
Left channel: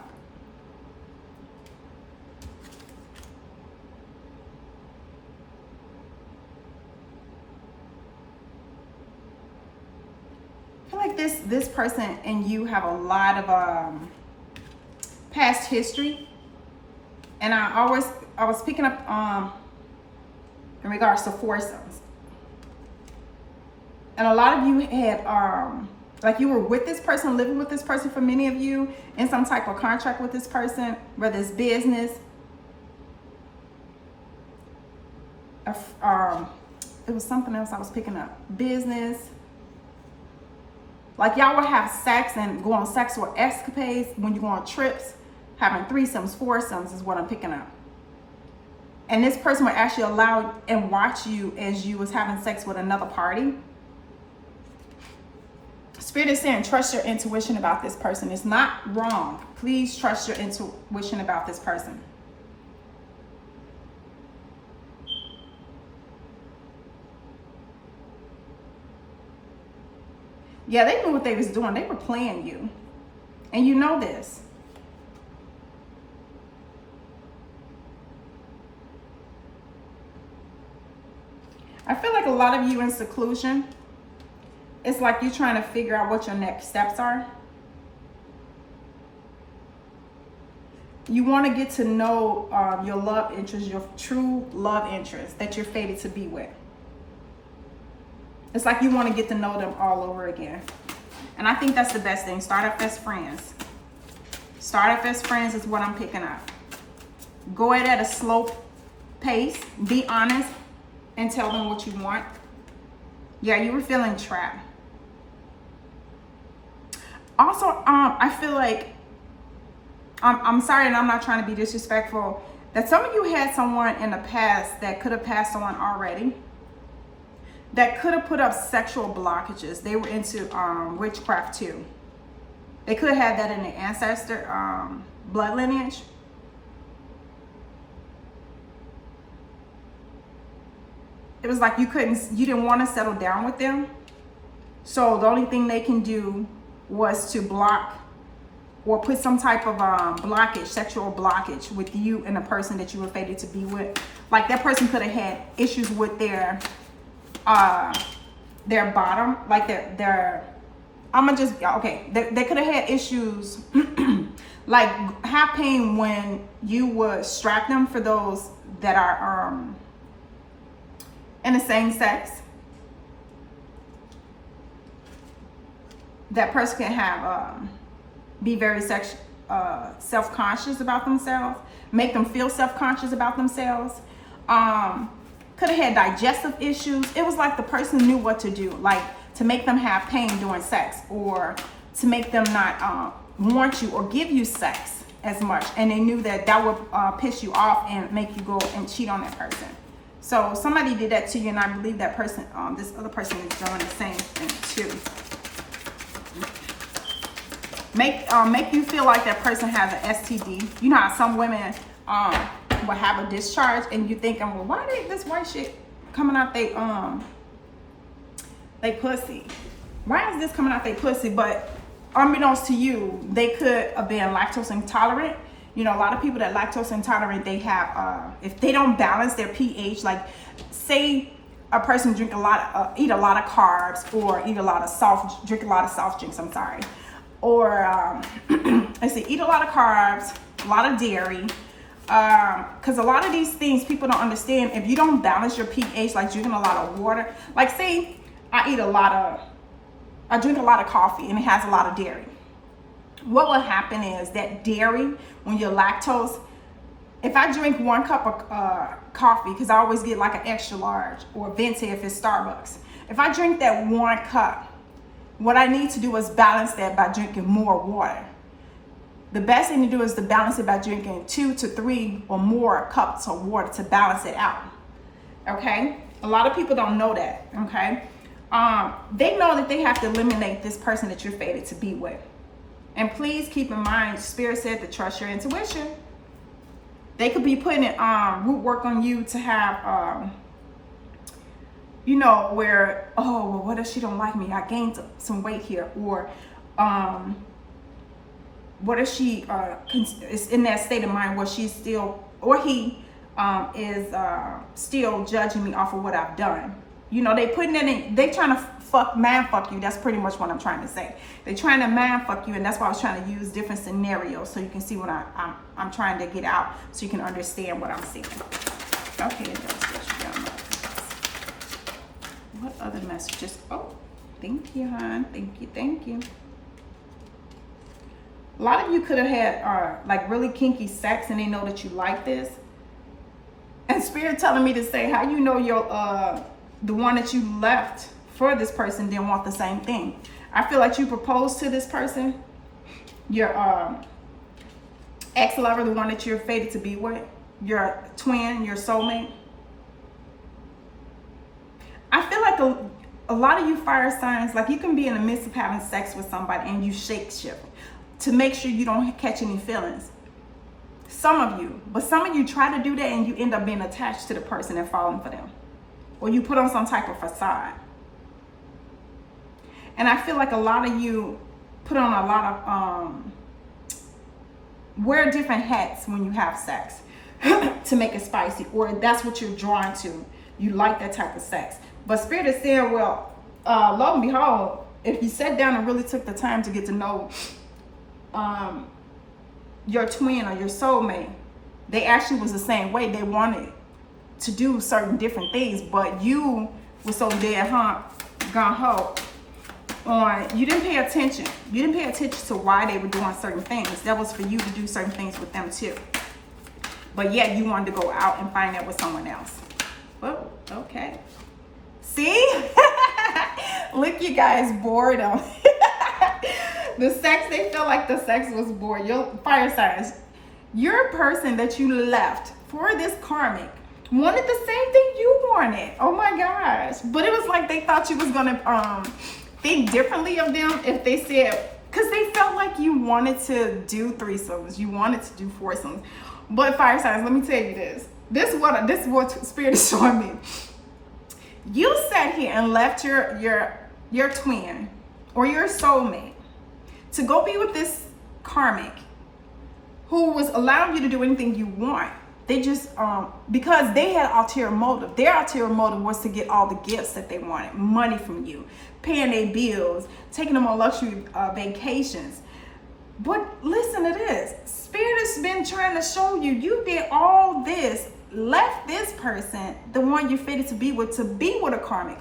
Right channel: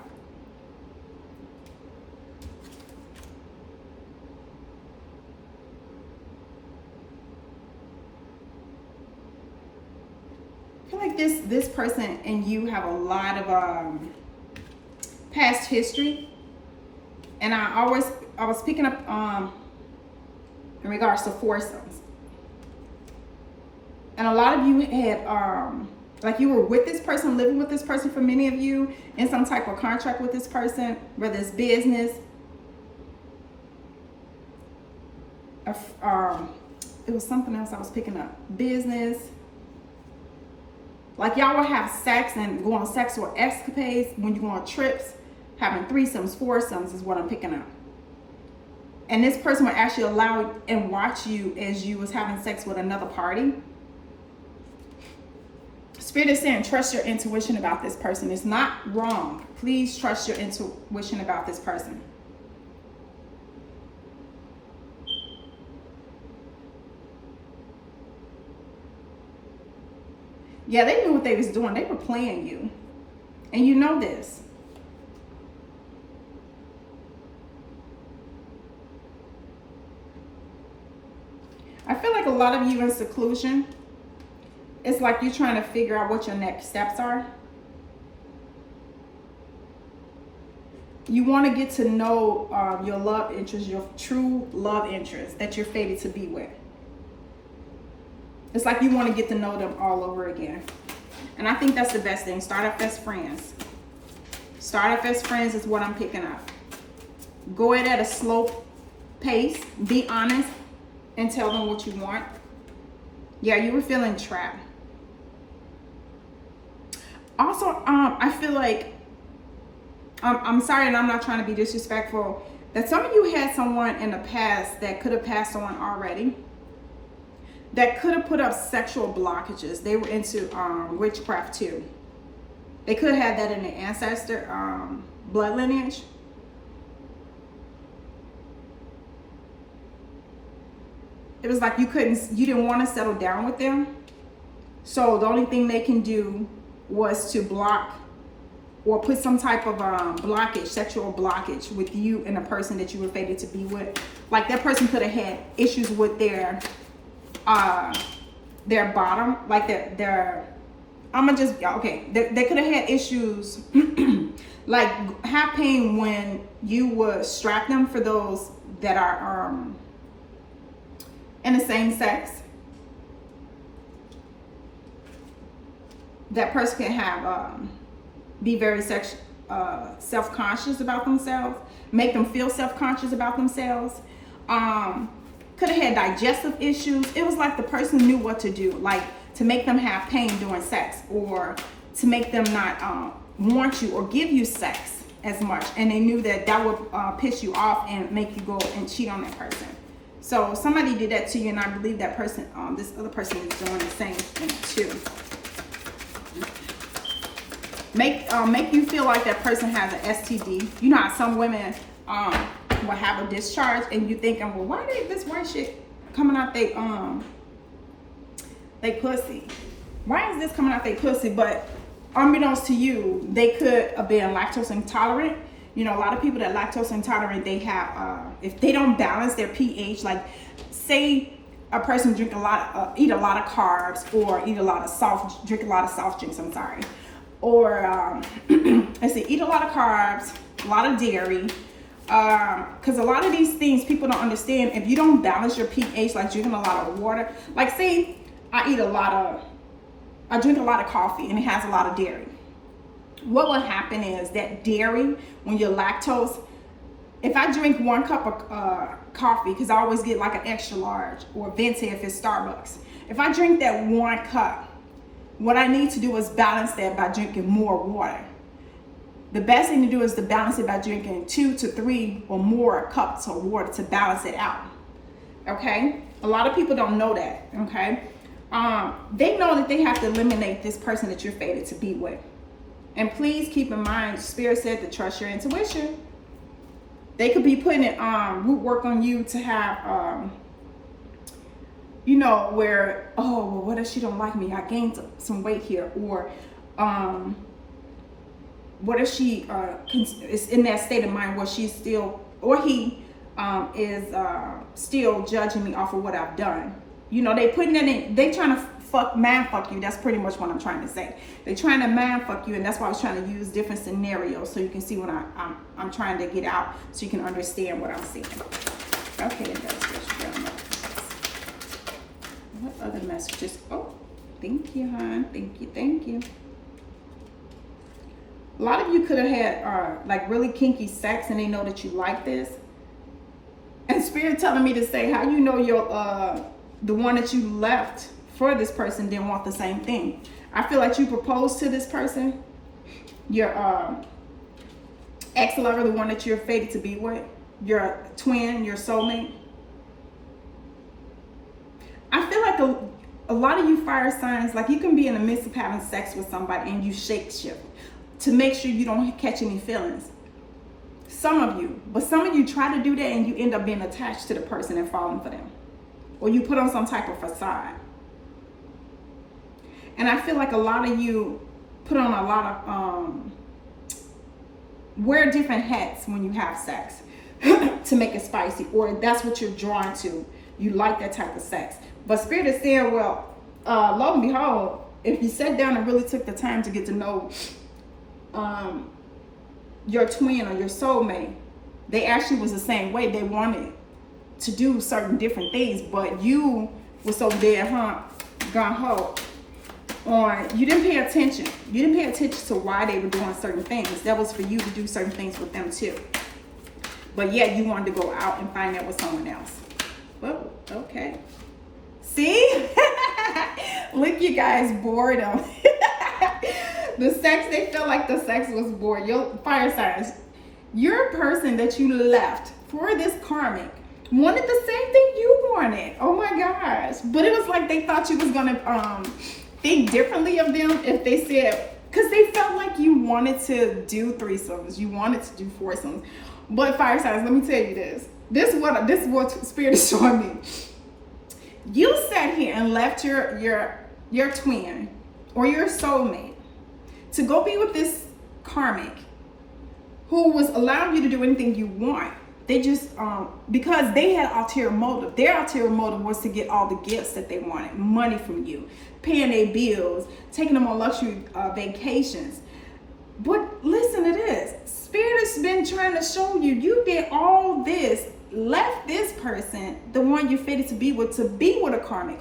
I feel like this person and you have a lot of past history. And I was picking up in regards to foursomes. And a lot of you had, like, you were with this person, living with this person, for many of you, in some type of contract with this person, whether it's business. It was something else I was picking up. Business. Like, y'all would have sex and go on sexual escapades when you go on trips. Having threesomes, foursomes is what I'm picking up. And this person would actually allow and watch you as you was having sex with another party. Spirit is saying, trust your intuition about this person. It's not wrong. Please trust your intuition about this person. Yeah, they knew what they was doing. They were playing you. And you know this. I feel like a lot of you in seclusion, it's like you're trying to figure out what your next steps are. You want to get to know your love interest, your true love interest that you're fated to be with. It's like you want to get to know them all over again. And I think that's the best thing. Start off as friends. Start off as friends is what I'm picking up. Go at a slow pace. Be honest and tell them what you want. Yeah, you were feeling trapped. Also, I feel like, I'm sorry, and I'm not trying to be disrespectful, that some of you had someone in the past that could have passed on already, that could have put up sexual blockages. They were into witchcraft too. They could have had that in their ancestor blood lineage. It was like you didn't want to settle down with them. So the only thing they can do was to block or put some type of blockage, sexual blockage with you and the person that you were fated to be with. Like that person could have had issues with their bottom, like their they could have had issues like have pain when you would strap them, for those that are in the same sex. That person can have be very self-conscious about themselves, make them feel self-conscious about themselves. Could have had digestive issues. It was like the person knew what to do, like to make them have pain during sex, or to make them not want you or give you sex as much, and they knew that that would piss you off and make you go and cheat on that person. So somebody did that to you, and I believe that person, this other person is doing the same thing too. Make you feel like that person has an STD. You know how some women will have a discharge, and you thinking, well, why did this white shit coming out they pussy? Why is this coming out they pussy? But unbeknownst to you, they could have been lactose intolerant. You know, a lot of people that lactose intolerant, they have if they don't balance their pH, like say a person eat a lot of carbs, or drink a lot of soft drinks. I'm sorry. Or I say eat a lot of carbs, a lot of dairy, because a lot of these things people don't understand. If you don't balance your pH, like drinking a lot of water, like say I drink a lot of coffee and it has a lot of dairy. What will happen is that dairy, when you're lactose, if I drink 1 cup of coffee, because I always get like an extra large, or venti if it's Starbucks, if I drink that 1 cup, what I need to do is balance that by drinking more water. The best thing to do is to balance it by drinking 2 to 3 or more cups of water to balance it out. Okay? A lot of people don't know that. Okay? They know that they have to eliminate this person that you're fated to be with. And please keep in mind, Spirit said to trust your intuition. They could be putting it root work on you to have you know, where, oh, well, what if she don't like me? I gained some weight here. Or what if she is in that state of mind where she's still, or he is still judging me off of what I've done. You know, they putting it in, they trying to man fuck you. That's pretty much what I'm trying to say. They trying to man fuck you, and that's why I was trying to use different scenarios so you can see what I'm trying to get out, so you can understand what I'm saying. Okay, that's what you got. What other messages? Oh, thank you, hon. Thank you. A lot of you could have had like really kinky sex, and they know that you like this. And Spirit telling me to say, how you know your the one that you left for this person didn't want the same thing. I feel like you proposed to this person, your ex-lover, the one that you're fated to be with, your twin, your soulmate. I feel like a lot of you fire signs, like you can be in the midst of having sex with somebody and you shake shift to make sure you don't catch any feelings. Some of you, but some of you try to do that and you end up being attached to the person and falling for them. Or you put on some type of facade. And I feel like a lot of you put on a lot of, wear different hats when you have sex to make it spicy, or that's what you're drawn to. You like that type of sex. But Spirit is saying, well, lo and behold, if you sat down and really took the time to get to know your twin or your soulmate, they actually was the same way. They wanted to do certain different things, but you were so dead gung-ho on, you didn't pay attention. You didn't pay attention to why they were doing certain things. That was for you to do certain things with them too. But yet you wanted to go out and find out with someone else. Oh, okay. See? Look, you guys, boredom. The sex, they feel like the sex was bored. Your fire signs, your person that you left for this karmic wanted the same thing you wanted. Oh my gosh. But it was like they thought you was gonna think differently of them if they said, because they felt like you wanted to do threesomes, you wanted to do foursomes. But fire signs, let me tell you this. This is what Spirit is showing me. You sat here and left your twin or your soulmate to go be with this karmic who was allowing you to do anything you want. They just, because they had ulterior motive. Their ulterior motive was to get all the gifts that they wanted, money from you, paying their bills, taking them on luxury vacations. But listen to this. Spirit has been trying to show you, you did all this, left this person, the one you're fated to be with a karmic.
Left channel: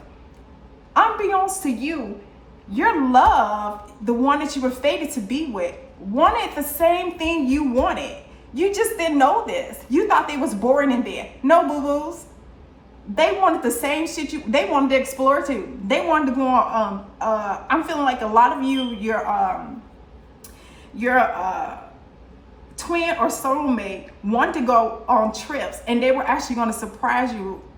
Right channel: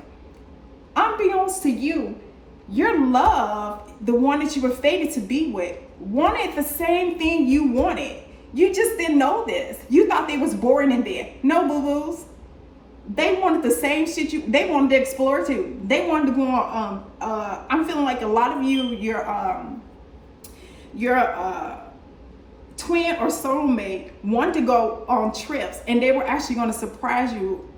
Unbeknownst to you, your love, the one that you were fated to be with, wanted the same thing you wanted. You just didn't know this. You thought they was boring in there. No, boo-boos. They wanted the same shit they wanted to explore too. They wanted to go on, I'm feeling like a lot of you, your twin or soulmate wanted to go on trips, and they were actually going to surprise you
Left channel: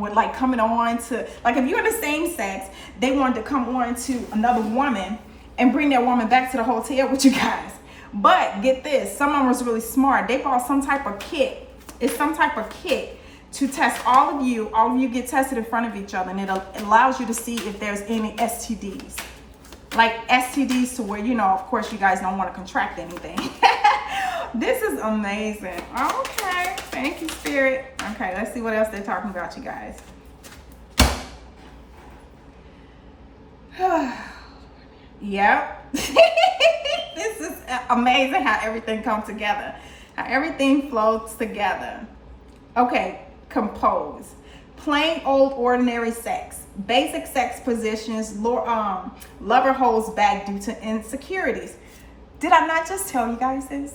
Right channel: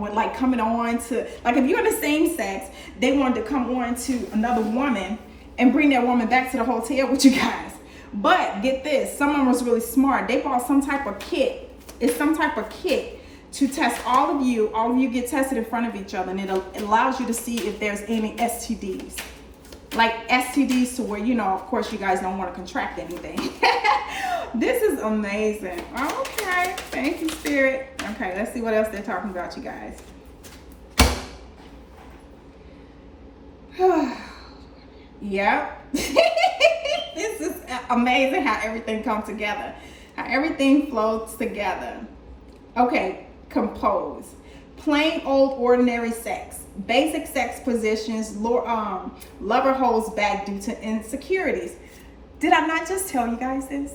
with like coming on to, like if you're in the same sex, they wanted to come on to another woman and bring that woman back to the hotel with you guys. But get this, someone was really smart. They bought some type of kit. It's some type of kit to test all of you. All of you get tested in front of each other, and it allows you to see if there's any STDs. Like STDs to where, you know, of course you guys don't want to contract anything. This is amazing. Okay, thank you, Spirit. Okay, let's see what else they're talking about, you guys. Yep. This is amazing how everything comes together. How everything flows together. Okay, compose. Plain old ordinary sex. Basic sex positions. Lover holds back due to insecurities. Did I not just tell you guys this?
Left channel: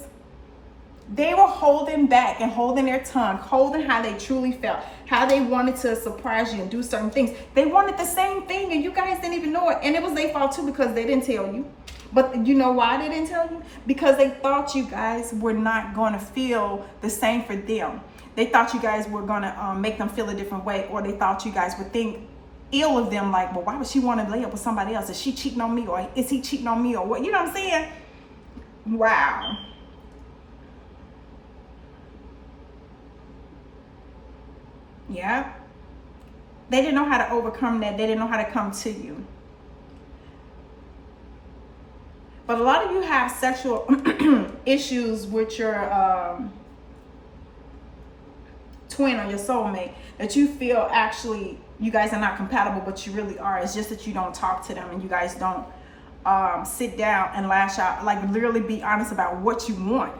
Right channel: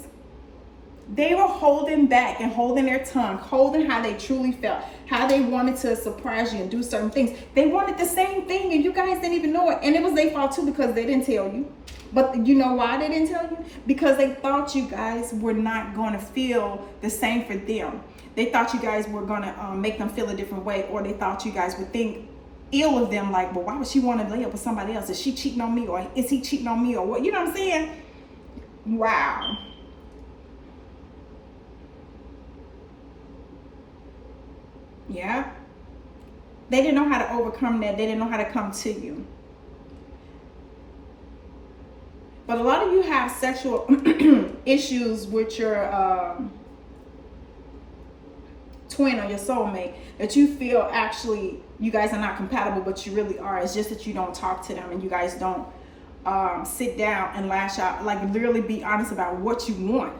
They were holding back and holding their tongue, holding how they truly felt, how they wanted to surprise you and do certain things. They wanted the same thing, and you guys didn't even know it. And it was their fault too, because they didn't tell you. But you know why they didn't tell you? Because they thought you guys were not going to feel the same for them. They thought you guys were going to make them feel a different way, or they thought you guys would think ill of them, like, well, why would she want to lay up with somebody else? Is she cheating on me, or is he cheating on me, or what? You know what I'm saying? Wow. Yeah. They didn't know how to overcome that. They didn't know how to come to you. But a lot of you have sexual issues with your twin or your soulmate that you feel actually you guys are not compatible, but you really are. It's just that you don't talk to them, and you guys don't sit down and lash out, like literally be honest about what you want.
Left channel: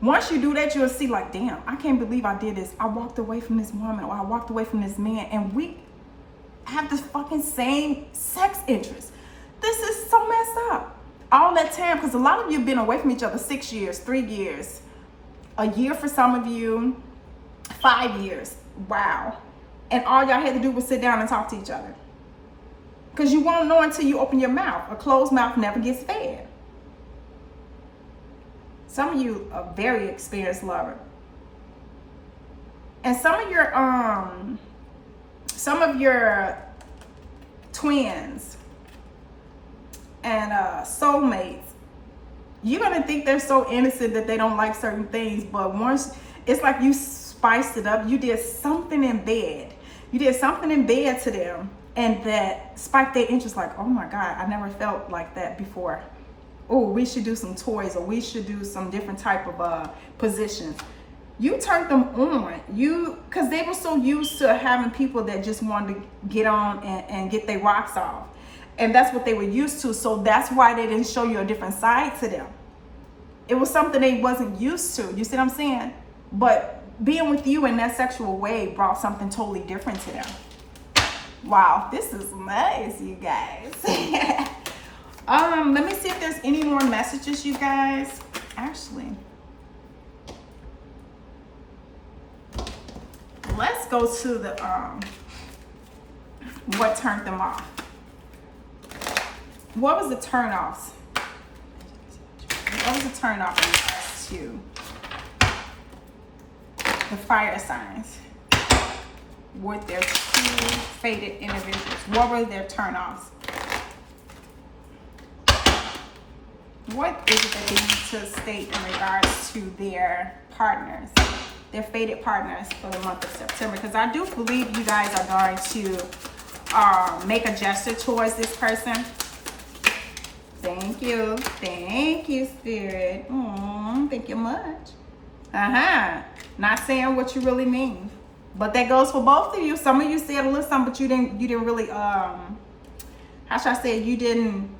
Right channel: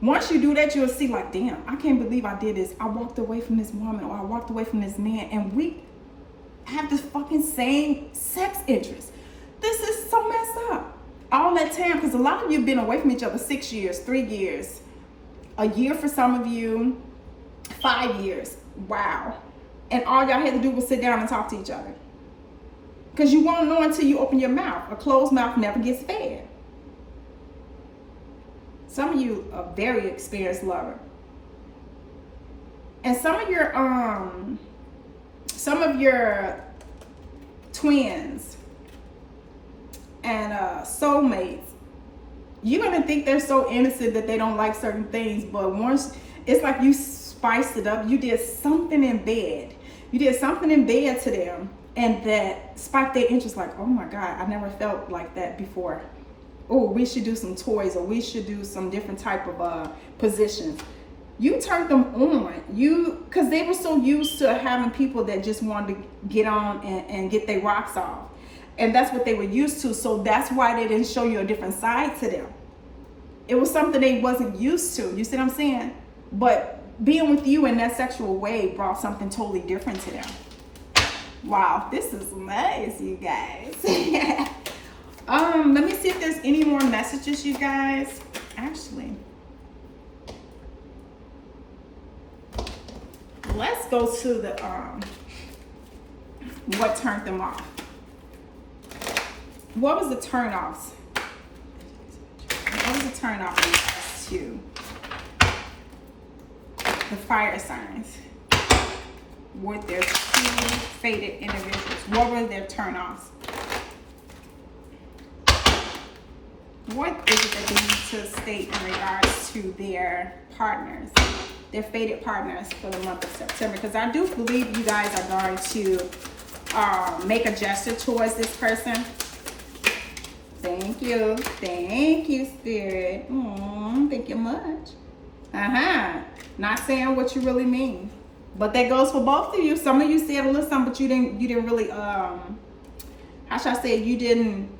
Once you do that, you'll see like, damn, I can't believe I did this. I walked away from this woman, or I walked away from this man, and we have this fucking same sex interest. This is so messed up. All that time, because a lot of you have been away from each other 6 years, 3 years, a year for some of you, 5 years. Wow. And all y'all had to do was sit down and talk to each other. Because you won't know until you open your mouth. A closed mouth never gets fed. Some of you are very experienced lover. And some of your twins and soulmates, you're gonna think they're so innocent that they don't like certain things, but once it's like you spiced it up, you did something in bed. You did something in bed to them, and that spiked their interest, like, oh my God, I never felt like that before. Oh, we should do some toys, or we should do some different type of positions. You turned them on, because they were so used to having people that just wanted to get on and get their rocks off. And that's what they were used to. So that's why they didn't show you a different side to them. It was something they wasn't used to. You see what I'm saying? But being with you in that sexual way brought something totally different to them. Wow, this is nice, you guys. Let me see if there's any more messages, you guys. Actually, let's go to the what turned them off. What was the turn-offs? What was the turn-off to the fire signs with their two fated individuals? What were their turn-offs? What is it that they need to state in regards to their partners, their fated partners for the month of September? Because I do believe you guys are going to make a gesture towards this person. Thank you. Thank you, Spirit. Thank you much. Not saying what you really mean. But that goes for both of you. Some of you said a little something, but you didn't really how should I say it? You didn't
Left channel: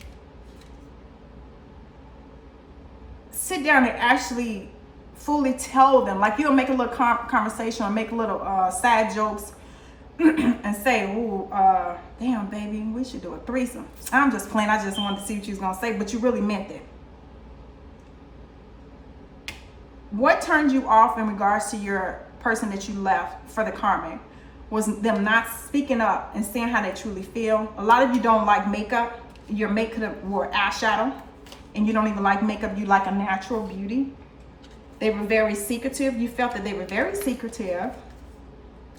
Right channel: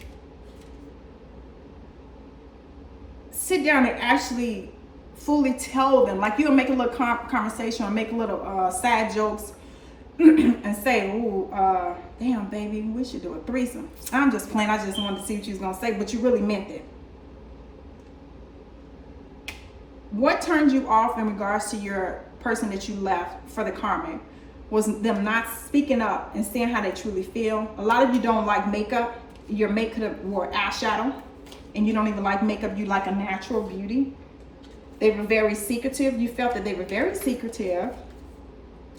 sit down and actually fully tell them. Like you'll make a little conversation or make a little side jokes and say, ooh, damn baby, we should do a threesome. I'm just playing. I just wanted to see what you was gonna say, but you really meant it. What turned you off in regards to your person that you left for the karmic was them not speaking up and saying how they truly feel. A lot of you don't like makeup. Your makeup wore eyeshadow, and you don't even like makeup. You like a natural beauty. They were very secretive. You felt that they were very secretive.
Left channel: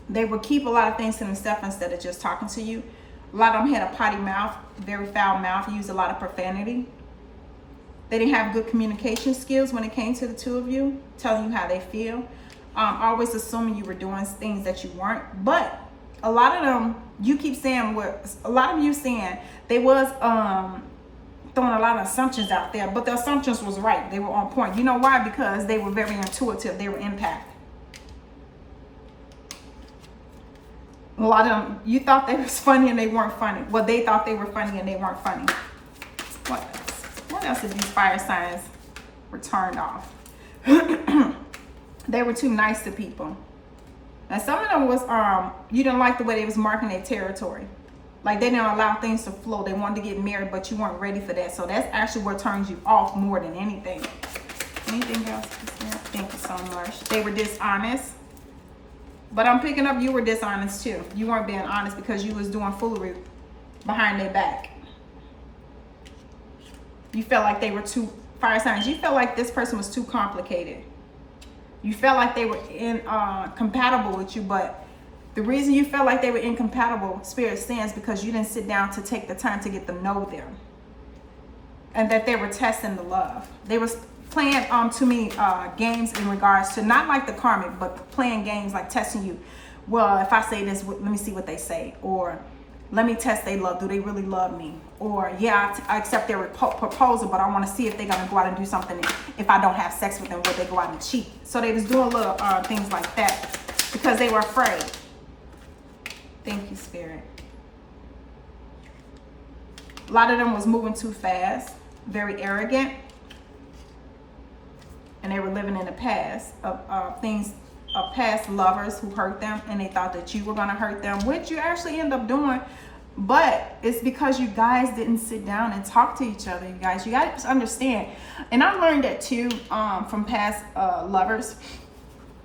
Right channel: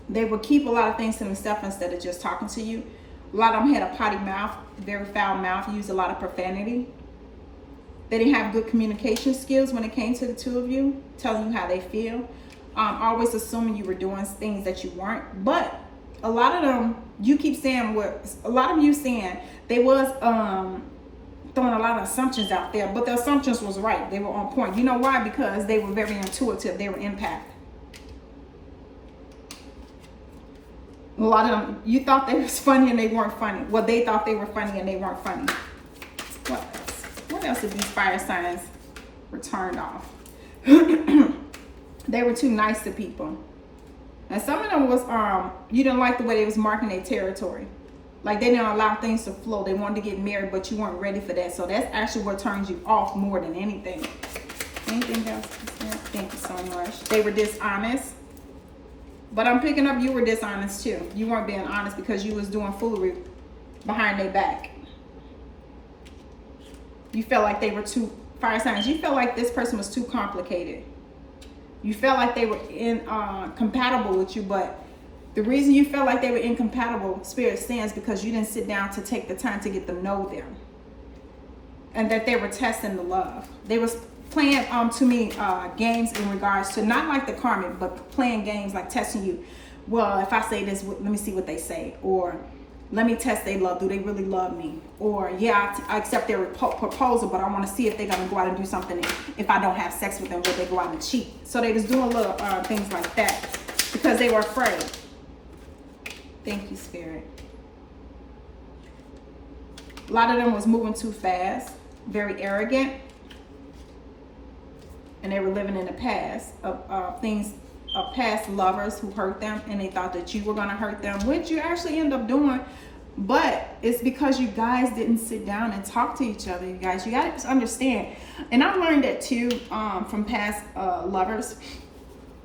They would keep a lot of things to themselves instead of just talking to you. A lot of them had a potty mouth, very foul mouth, used a lot of profanity. They didn't have good communication skills when it came to the two of you, telling you how they feel. Always assuming you were doing things that you weren't. But a lot of them, you keep saying a lot of you saying they was throwing a lot of assumptions out there, but the assumptions was right. They were on point. You know why? Because they were very intuitive. They were impacted. A lot of them, you thought they was funny and they weren't funny. Well, they thought they were funny and they weren't funny. What else? What else if these fire signs were turned off? They were too nice to people. And some of them was, you didn't like the way they was marking their territory. Like they didn't allow things to flow. They wanted to get married, but you weren't ready for that. So that's actually what turns you off more than anything. Anything else? Thank you so much. They were dishonest. But I'm picking up you were dishonest too. You weren't being honest because you was doing foolery behind their back. You felt like they were too, fire signs, you felt like this person was too complicated. You felt like they were compatible with you, but the reason you felt like they were incompatible, Spirit stands, because you didn't sit down to take the time to get to know them. And that they were testing the love. They was playing to me games in regards to not like the karmic, but playing games like testing you. Well, if I say this, let me see what they say, or let me test their love. Do they really love me? Or yeah, I accept their proposal, but I want to see if they're gonna go out and do something. If I don't have sex with them, will they go out and cheat? So they was doing little things like that because they were afraid. Thank you, Spirit. A lot of them was moving too fast, very arrogant. And they were living in the past of things, of past lovers who hurt them, and they thought that you were going to hurt them, which you actually end up doing. But it's because you guys didn't sit down and talk to each other. You guys, you got to understand. And I learned that too from past lovers,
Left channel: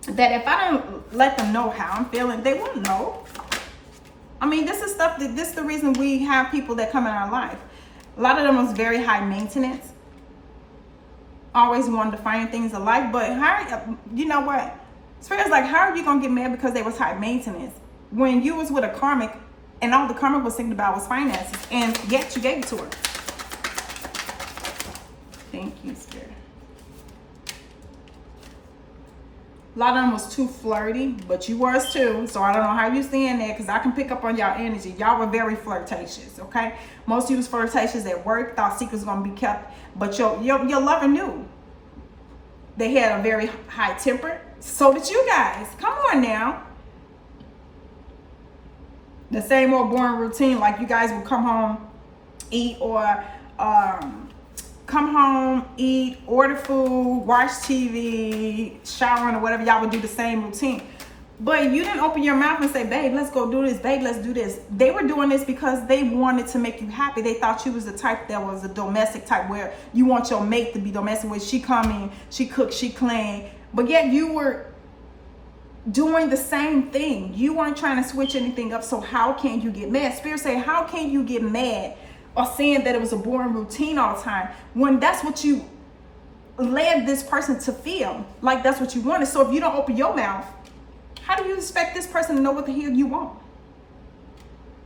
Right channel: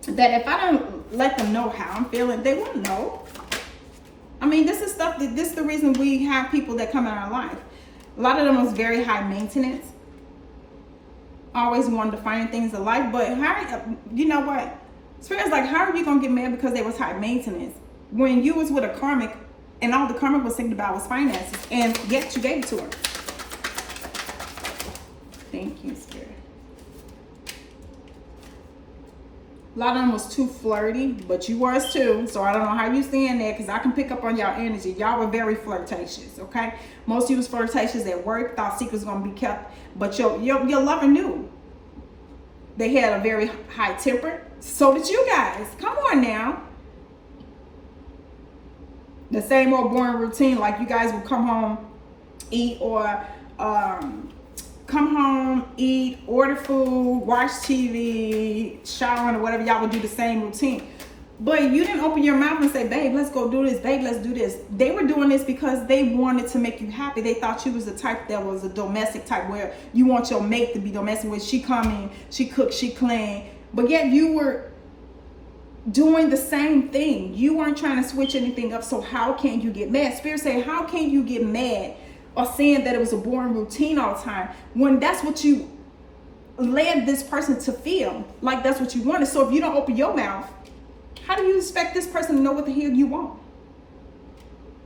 that if I don't let them know how I'm feeling, they won't know. I mean, this is stuff that, this is the reason we have people that come in our life. A lot of them was very high maintenance. Always wanted to find things alike, but how, you know what? Spirit's like, how are you gonna get mad because they was high maintenance when you was with a karmic and all the karmic was thinking about was finances, and yet you gave it to her? Thank you, Spirit. A lot of them was too flirty, but you was too. So I don't know how you seeing that, because I can pick up on y'all energy. Y'all were very flirtatious, okay? Most of you was flirtatious at work, thought secrets was gonna be kept, but your lover knew. They had a very high temper. So did you guys. Come on now. The same old boring routine, like you guys would come home, eat, or come home, eat, order food, watch TV, showering, or whatever. Y'all would do the same routine. But you didn't open your mouth and say, babe, let's go do this, babe, let's do this. They were doing this because they wanted to make you happy. They thought you was the type that was a domestic type, where you want your mate to be domestic, where she come in, she cook, she clean. But yet you were doing the same thing. You weren't trying to switch anything up. So how can you get mad? Spirit say, how can you get mad or saying that it was a boring routine all the time when that's what you led this person to feel like that's what you wanted? So if you don't open your mouth, how do you expect this person to know what the hell you want?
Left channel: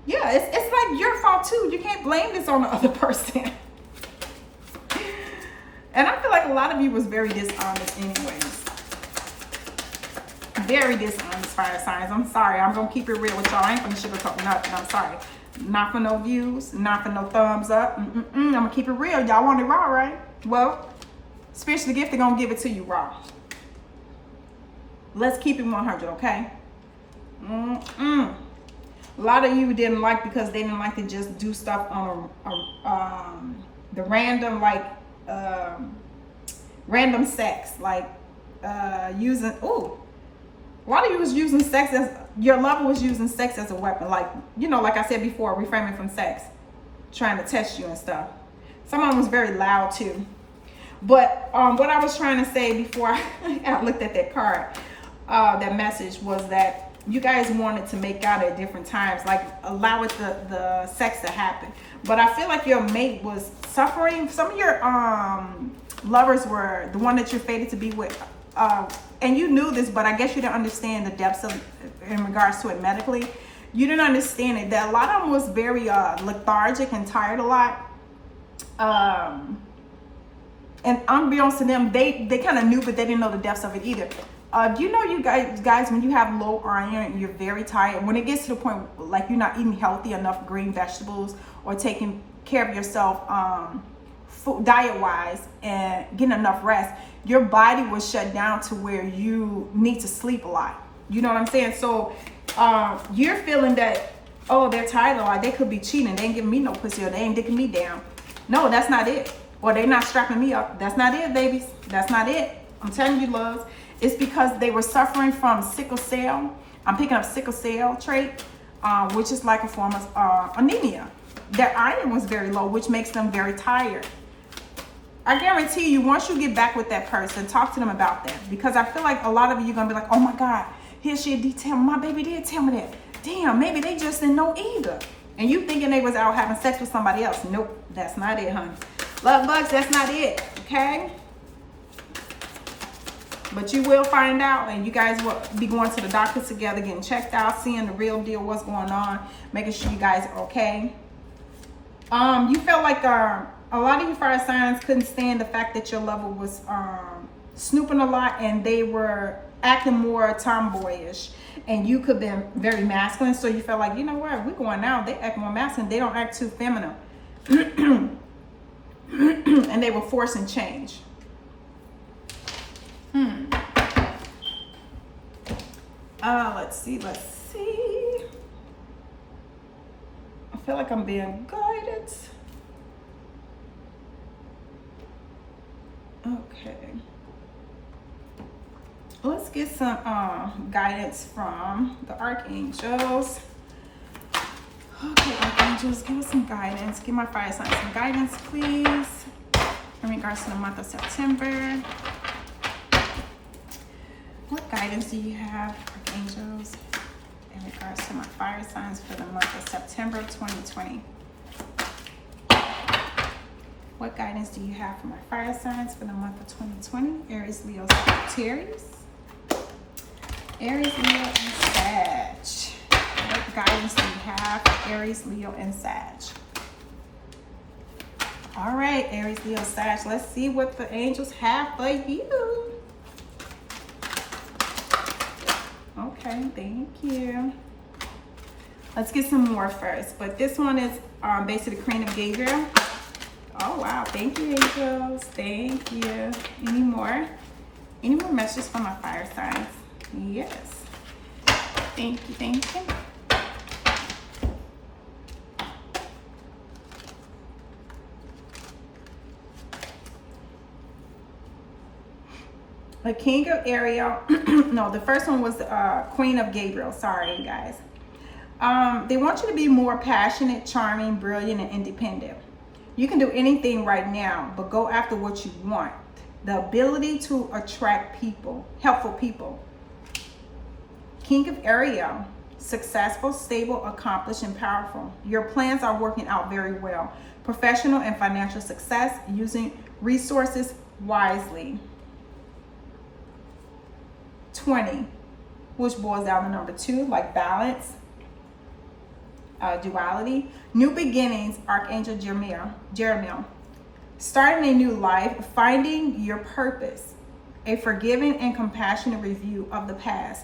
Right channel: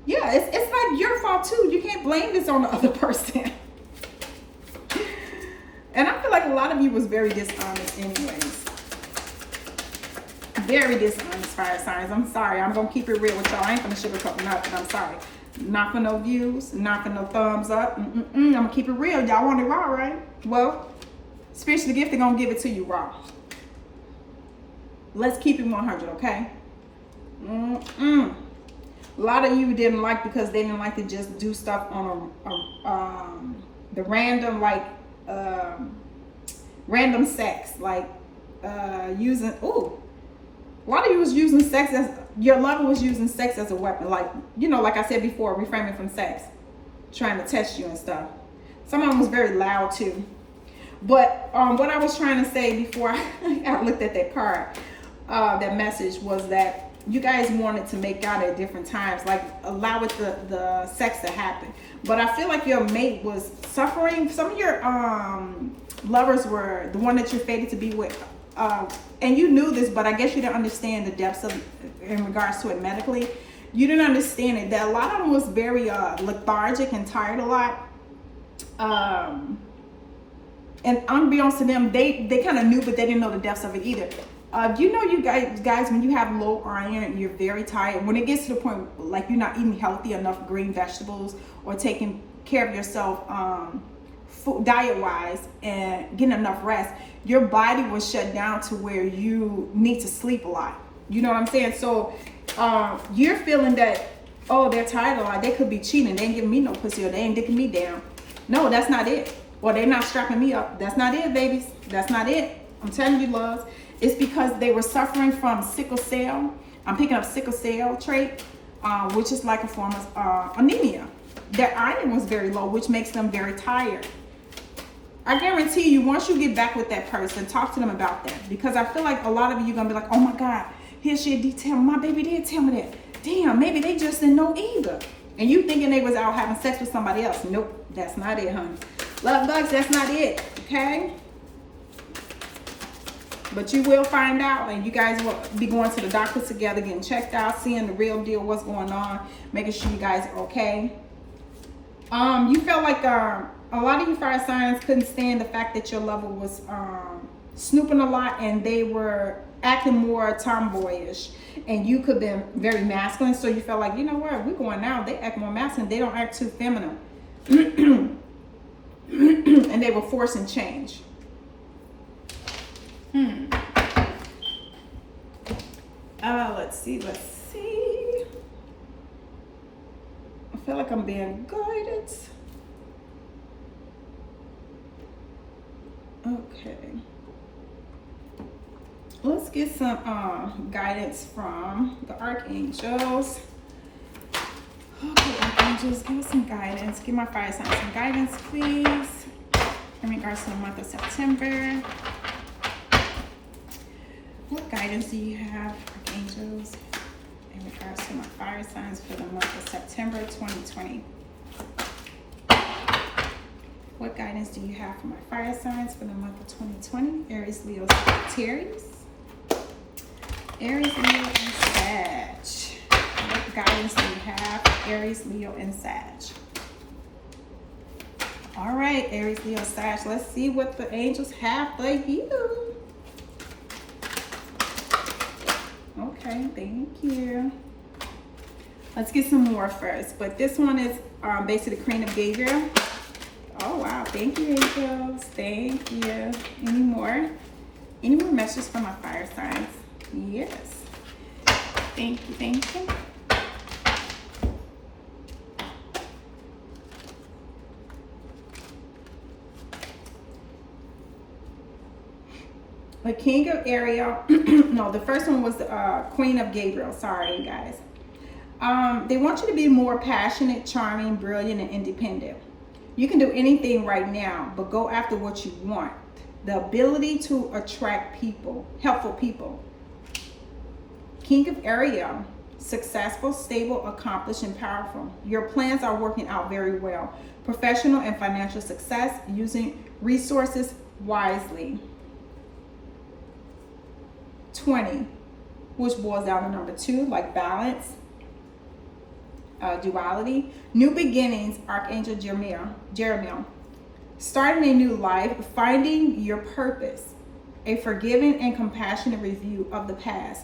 Yeah, it's like your fault too. You can't blame this on the other person. And I feel like a lot of you was very dishonest anyways. Very dishonest, fire signs. I'm sorry. I'm going to keep it real with y'all. I ain't going to sugarcoat nothing. I'm sorry. Not for no views, not for no thumbs up. I'm gonna keep it real. Y'all want it raw, right? Well, spiritual gift, they're gonna give it to you raw. Let's keep it 100, okay? A lot of you didn't like because they didn't like to just do stuff on the random, like random sex, like using. Ooh, a lot of you was using sex as your lover was using sex as a weapon, like, you know, like I said before, reframing from sex, trying to test you and stuff. Someone was very loud too. But what I was trying to say before I looked at that card, that message, was that you guys wanted to make out at different times, like allow it the sex to happen. But I feel like your mate was suffering. Some of your lovers were the one that you're fated to be with. And you knew this, but I guess you didn't understand the depths of in regards to it medically. You didn't understand it. That a lot of them was very lethargic and tired a lot. And unbeknownst to them, they kind of knew, but they didn't know the depths of it either. You know, you guys, when you have low iron, you're very tired. When it gets to the point like you're not eating healthy enough green vegetables or taking care of yourself diet-wise and getting enough rest, your body will shut down to where you need to sleep a lot. You know what I'm saying? So you're feeling that, oh, they're tired a lot. They could be cheating. They ain't giving me no pussy, or they ain't dicking me down. No, that's not it. Or they're not strapping me up. That's not it, babies. That's not it. I'm telling you, loves. It's because they were suffering from sickle cell. I'm picking up sickle cell trait, which is like a form of anemia. Their iron was very low, which makes them very tired. I guarantee you, once you get back with that person, talk to them about that. Because I feel like a lot of you are going to be like, oh my God, here's your detail. My baby did tell me that. Damn, maybe they just didn't know either. And you thinking they was out having sex with somebody else. Nope, that's not it, honey. Love bugs, that's not it, okay? But you will find out, and you guys will be going to the doctor together, getting checked out, seeing the real deal, what's going on, making sure you guys are okay. You felt like a lot of you fire signs couldn't stand the fact that your lover was snooping a lot, and they were acting more tomboyish, and you could be very masculine. So you felt like, you know what, we're going out, they act more masculine, they don't act too feminine. And they were forcing change. Let's see. I feel like I'm being guided. Okay. Let's get some guidance from the archangels. Okay, archangels, give us some guidance. Give my fire signs some guidance, please, in regards to the month of September. What guidance do you have, archangels, in regards to my fire signs for the month of September 2020? What guidance do you have for my fire signs for the month of 2020? Aries, Leo, Sagittarius. Aries, Leo, and Sag. What guidance do you have for Aries, Leo, and Sag? All right, Aries, Leo, Sag. Let's see what the angels have for you. Okay, thank you. Let's get some more first. But this one is basically the Queen of Gabriel. Oh, wow. Thank you, angels. Thank you. Any more? Any more messages from my fire signs? Yes. Thank you. Thank you. The King of Ariel. No, the first one was the Queen of Gabriel. Sorry, guys. They want you to be more passionate, charming, brilliant, and independent. You can do anything right now, but go after what you want. The ability to attract people, helpful people. King of Ariel, successful, stable, accomplished, and powerful. Your plans are working out very well. Professional and financial success, using resources wisely. 20, which boils down to number 2, like balance, duality. New beginnings, Archangel Jeremiah. Starting a new life, finding your purpose. A forgiving and compassionate review of the past.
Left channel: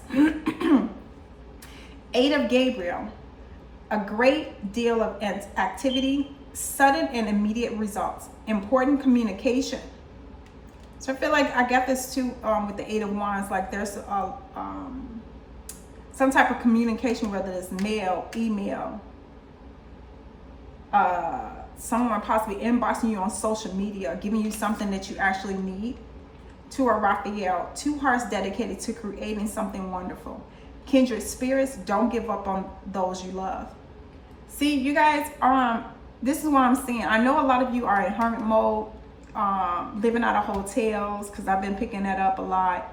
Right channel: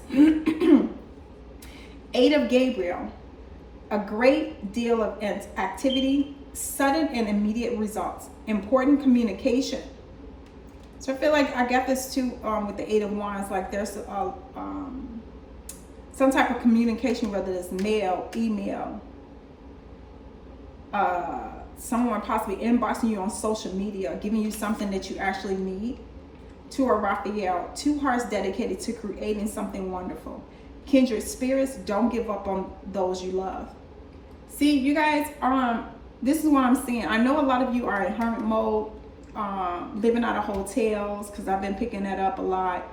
8 of Gabriel, a great deal of activity, sudden and immediate results, important communication. So I feel like I got this too with the Eight of Wands. Like there's some type of communication, whether it's mail, email, someone possibly inboxing you on social media, giving you something that you actually need. To a Raphael, 2 hearts dedicated to creating something wonderful. Kindred spirits, don't give up on those you love. See, you guys, this is what I'm seeing. I know a lot of you are in hermit mode, living out of hotels, because I've been picking that up a lot,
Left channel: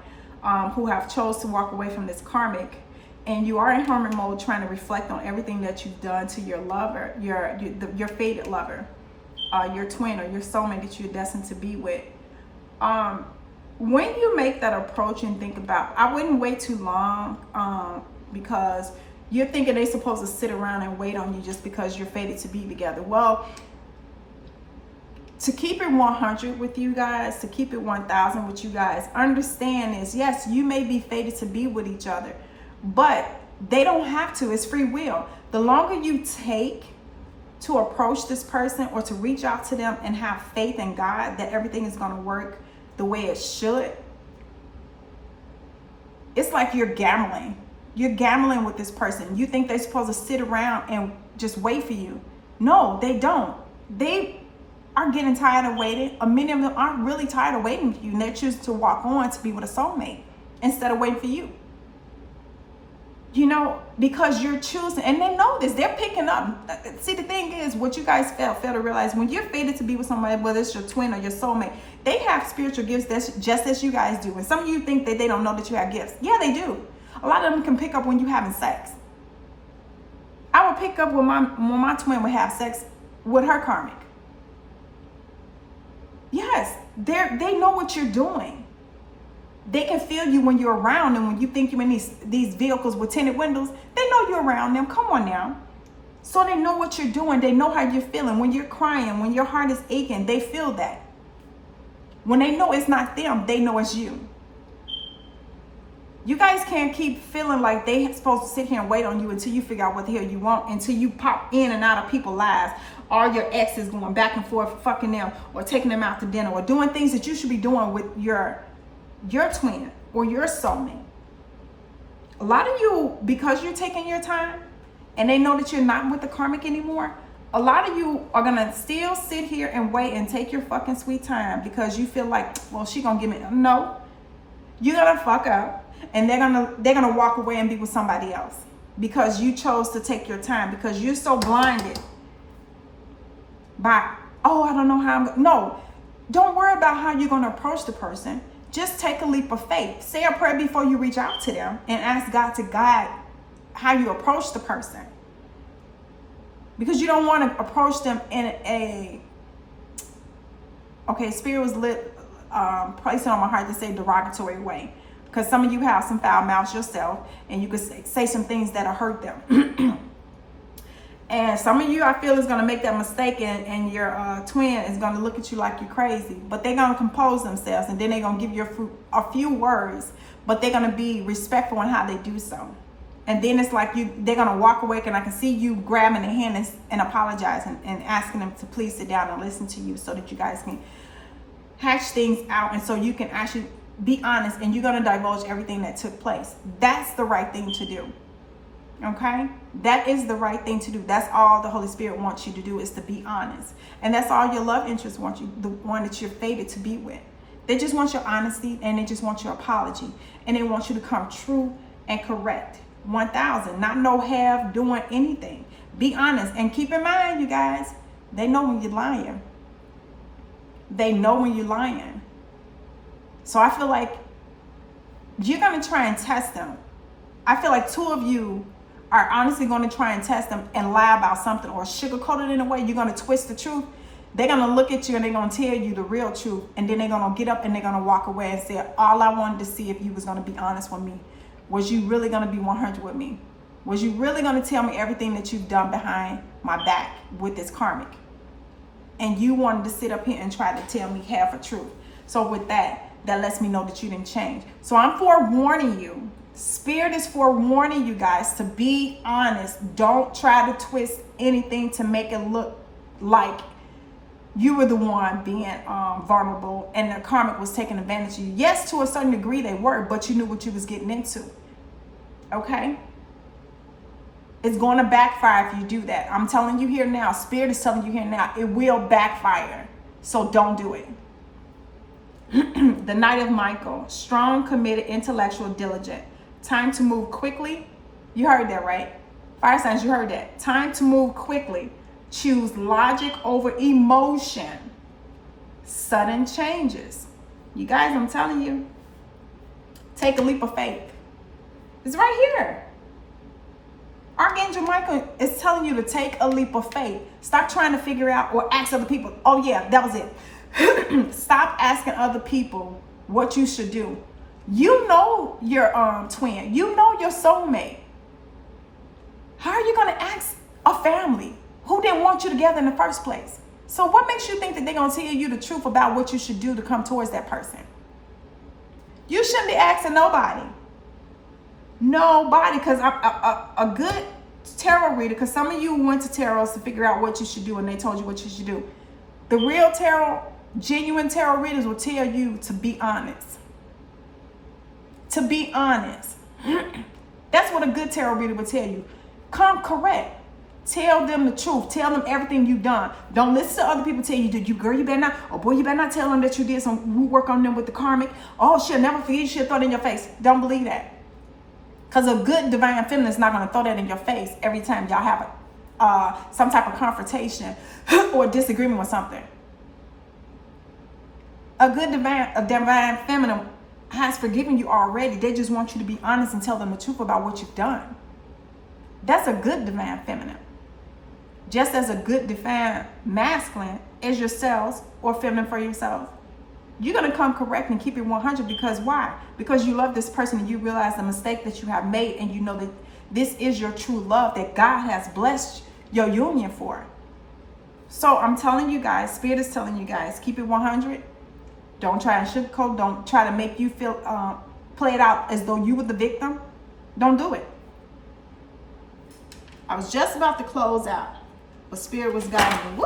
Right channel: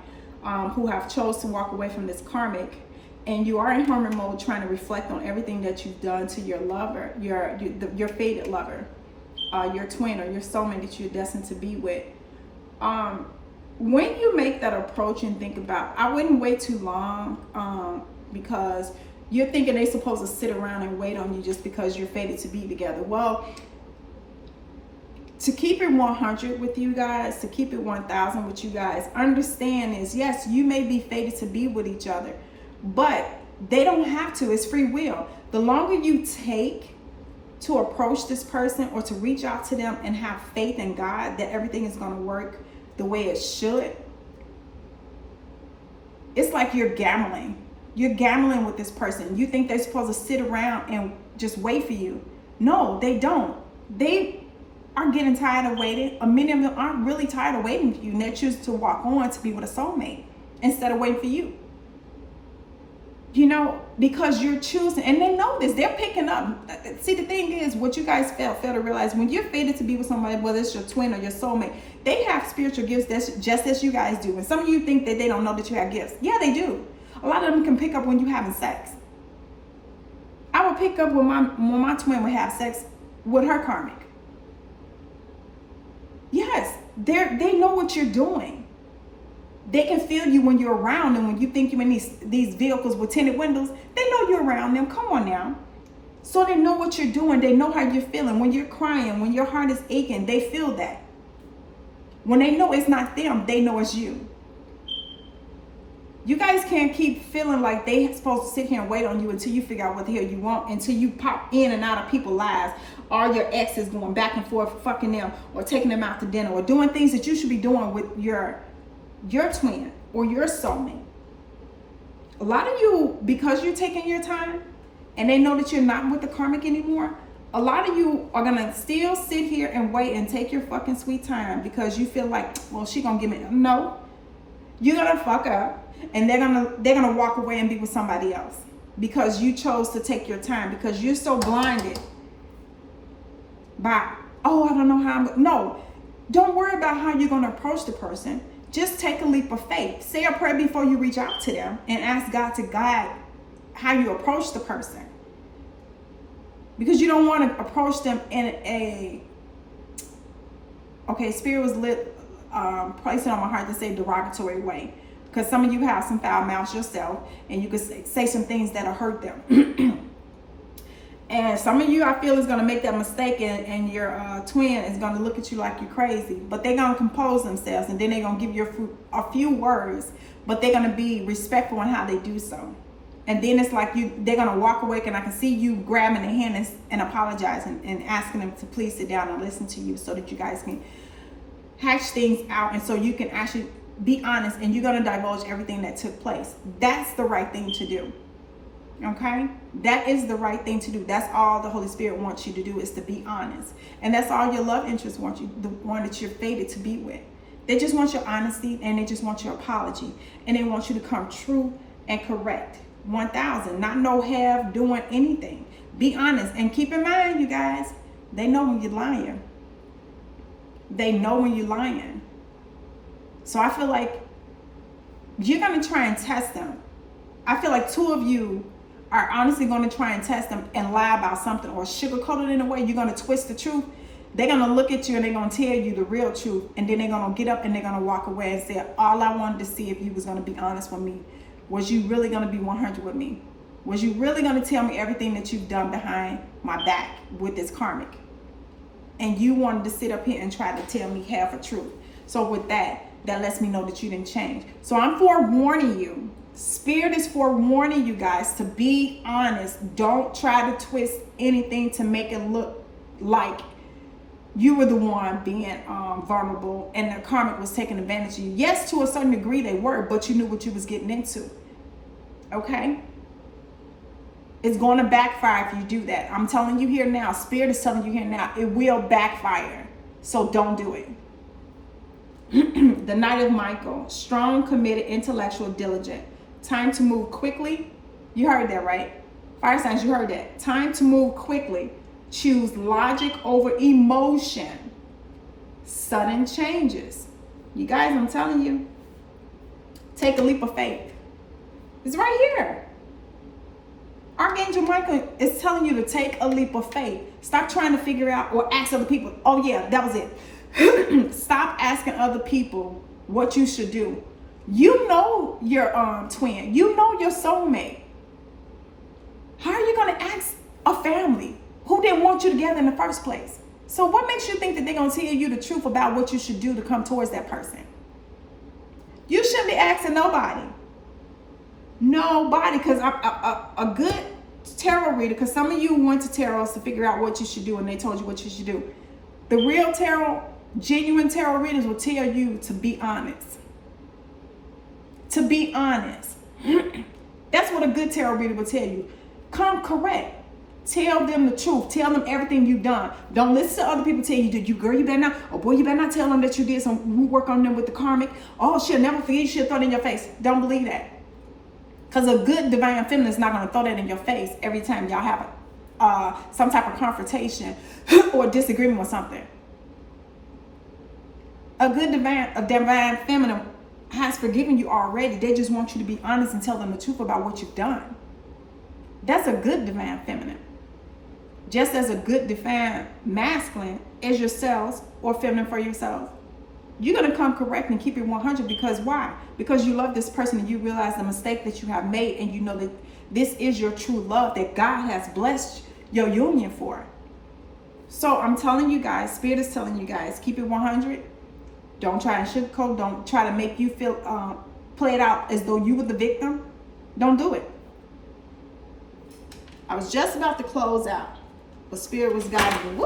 who have chose to walk away from this karmic. And you are in hermit mode trying to reflect on everything that you've done to your lover, your fated lover, your twin or your soulmate that you're destined to be with. When you make that approach and think about, I wouldn't wait too long, because you're thinking they're supposed to sit around and wait on you just because you're fated to be together. Well, to keep it 100 with you guys, to keep it 1000 with you guys, understand is, yes, you may be fated to be with each other, but they don't have to. It's free will. The longer you take to approach this person or to reach out to them and have faith in God that everything is going to work the way it should, it's like you're gambling. You're gambling with this person. You think they're supposed to sit around and just wait for you. No, they don't. They are getting tired of waiting. Many of them aren't really tired of waiting for you, and they choose to walk on to be with a soulmate instead of waiting for you. You know, because you're choosing, and they know this, they're picking up. See, the thing is, what you guys fail to realize, when you're fated to be with somebody, whether it's your twin or your soulmate, they have spiritual gifts that's just as you guys do. And some of you think that they don't know that you have gifts. Yeah, they do. A lot of them can pick up when you're having sex. I would pick up when my twin would have sex with her karmic. Yes, they know what you're doing. They can feel you when you're around them. When you think you're in these vehicles with tinted windows, they know you're around them. Come on now. So they know what you're doing. They know how you're feeling. When you're crying, when your heart is aching, they feel that. When they know it's not them, they know it's you. You guys can't keep feeling like they're supposed to sit here and wait on you until you figure out what the hell you want, until you pop in and out of people's lives. All your exes going back and forth, fucking them, or taking them out to dinner, or doing things that you should be doing with your twin or your soulmate. A lot of you, because you're taking your time and they know that you're not with the karmic anymore, a lot of you are gonna still sit here and wait and take your fucking sweet time because you feel like, well, she gonna give me. No, you're gonna fuck up and they're gonna walk away and be with somebody else because you chose to take your time, because you're so blinded by, oh, I don't know how no, don't worry about how you're gonna approach the person. Just take a leap of faith. Say a prayer before you reach out to them and ask God to guide how you approach the person. Because you don't want to approach them in Spirit was placing on my heart to say derogatory way. Because some of you have some foul mouths yourself and you could say some things that'll hurt them. And some of you, I feel, is going to make that mistake, and your twin is going to look at you like you're crazy. But they're going to compose themselves, and then they're going to give you a few words, but they're going to be respectful in how they do so. And then it's like they're going to walk away, and I can see you grabbing their hand and apologizing and asking them to please sit down and listen to you so that you guys can hash things out, and so you can actually be honest, and you're going to divulge everything that took place. That's the right thing to do. Okay, that is the right thing to do. That's all the Holy Spirit wants you to do, is to be honest. And that's all your love interests want you, the one that you're fated to be with. They just want your honesty, and they just want your apology, and they want you to come true and correct. 1000, not no half doing anything. Be honest, and keep in mind, you guys, they know when you're lying. They know when you're lying. So I feel like you're going to try and test them. I feel like 2 of you are honestly going to try and test them and lie about something or sugarcoat it in a way. You're going to twist the truth. They're going to look at you and they're going to tell you the real truth. And then they're going to get up and they're going to walk away and say, all I wanted to see if you was going to be honest with me. Was you really going to be 100 with me? Was you really going to tell me everything that you've done behind my back with this karmic? And you wanted to sit up here and try to tell me half a truth. So with that lets me know that you didn't change. So I'm forewarning you Spirit is forewarning you guys to be honest. Don't try to twist anything to make it look like you were the one being vulnerable and the karmic was taking advantage of you. Yes, to a certain degree they were, but you knew what you was getting into. Okay? It's going to backfire if you do that. I'm telling you here now. Spirit is telling you here now. It will backfire. So don't do it. The Knight of Michael. Strong, committed, intellectual, diligent. Time to move quickly. You heard that, right? Fire signs, you heard that. Time to move quickly. Choose logic over emotion. Sudden changes. You guys, I'm telling you. Take a leap of faith. It's right here. Archangel Michael is telling you to take a leap of faith. Stop trying to figure out or ask other people. Oh yeah, that was it. Stop asking other people what you should do. You know your twin. You know your soulmate. How are you going to ask a family who didn't want you together in the first place? So what makes you think that they're going to tell you the truth about what you should do to come towards that person? You shouldn't be asking nobody. Nobody, because a good tarot reader, because some of you went to tarots to figure out what you should do and they told you what you should do. The real tarot, genuine tarot readers will tell you to be honest. To be honest. That's what a good tarot reader will tell you. Come correct. Tell them the truth. Tell them everything you've done. Don't listen to other people tell you, did you, girl, you better not, oh boy, you better not tell them that you did some work on them with the karmic. Oh, she'll never forget, she'll throw it in your face. Don't believe that. Because a good divine feminine is not going to throw that in your face every time y'all have some type of confrontation or disagreement with something. A good divine feminine has forgiven you already. They just want you to be honest and tell them the truth about what you've done. That's a good divine feminine. Just as a good divine masculine is yourselves or feminine for yourselves. You're going to come correct and keep it 100 because why? Because you love this person and you realize the mistake that you have made and you know that this is your true love that God has blessed your union for. So I'm telling you guys, Spirit is telling you guys, keep it 100. Don't try to sugarcoat. Don't try to make you feel, play it out as though you were the victim. Don't do it. I was just about to close out, but Spirit was guiding me.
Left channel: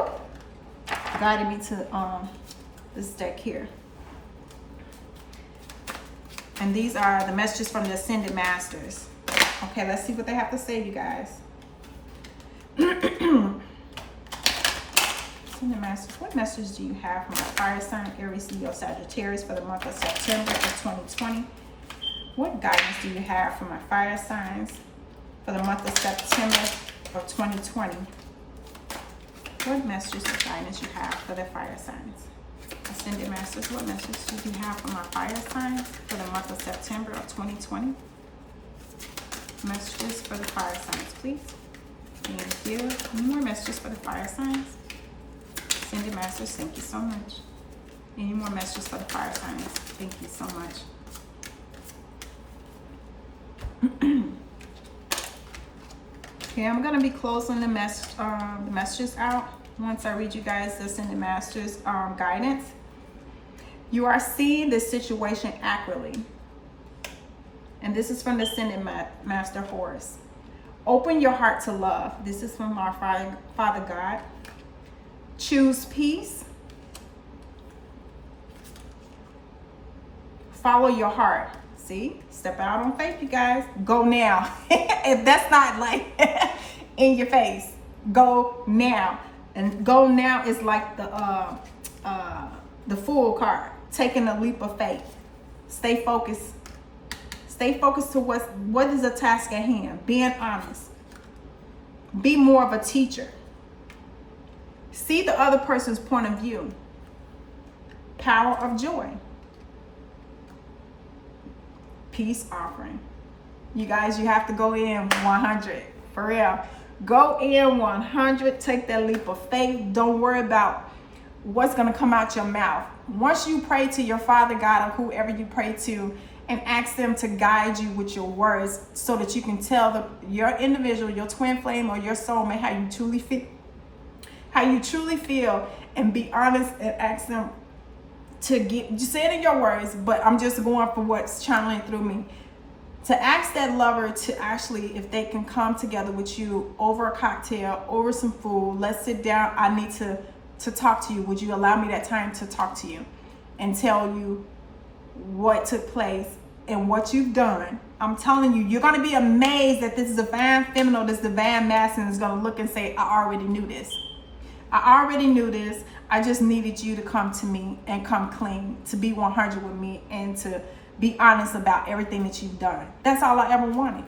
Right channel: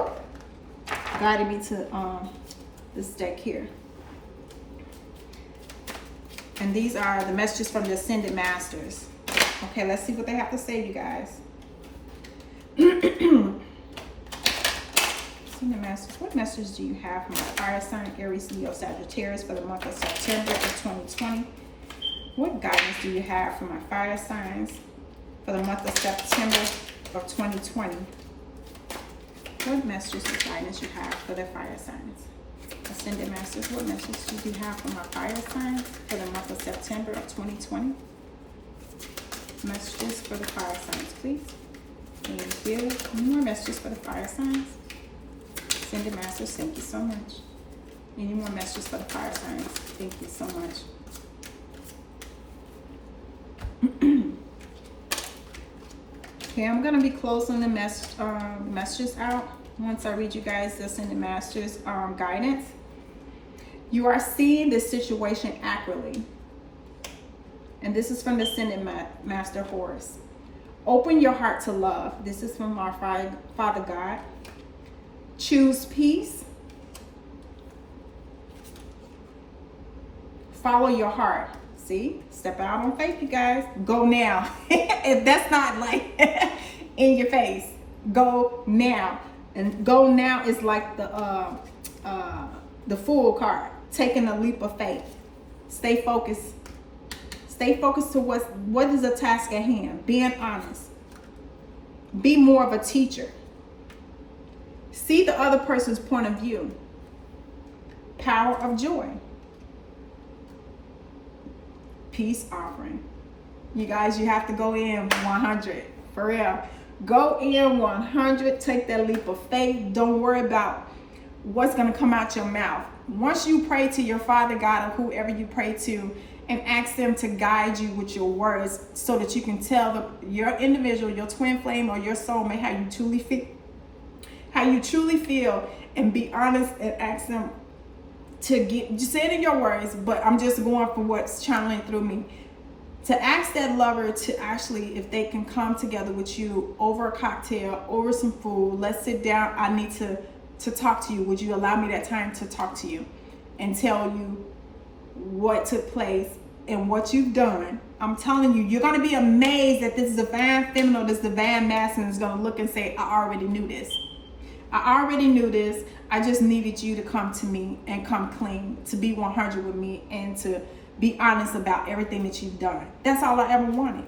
Guided me to this deck here. And these are the messages from the Ascended Masters. Okay, let's see what they have to say, you guys. Ascended Masters, what message do you have from a fire sign, Aries, Leo, Sagittarius for the month of September of 2020? What guidance do you have from our fire signs for the month of September of 2020? What messages and guidance you have for the fire signs? Ascended Masters, what message do you have from our fire signs for the month of September of 2020? Messages for the fire signs, please. Thank you. Any more messages for the fire signs? Ascended Masters, thank you so much. Any more messages for the fire signs? Thank you so much. Okay, I'm going to be closing the messages out once I read you guys the Ascended Masters guidance. You are seeing this situation accurately. And this is from the Ascended Master Horus. Open your heart to love. This is from our Father God. Choose peace. Follow your heart. See? Step out on faith, you guys. Go now. If that's not like in your face, go now. And go now is like the Fool card. Taking a leap of faith. Stay focused. Stay focused to what is the task at hand. Being honest. Be more of a teacher. See the other person's point of view. Power of joy. Peace offering. You guys, you have to go in 100. For real. Go in 100. Take that leap of faith. Don't worry about what's going to come out your mouth. Once you pray to your Father God or whoever you pray to and ask them to guide you with your words so that you can tell your individual, your twin flame or your soulmate how you truly feel, and be honest and ask them to just say it in your words, but I'm just going for what's channeling through me, to ask that lover to actually, if they can come together with you over a cocktail, over some food, let's sit down, I need to talk to you. Would you allow me that time to talk to you and tell you what took place and what you've done? I'm telling you, you're going to be amazed that this divine feminine or this divine masculine is going to look and say, I already knew this. I already knew this. I just needed you to come to me and come clean, to be 100 with me, and to be honest about everything that you've done. That's all I ever wanted.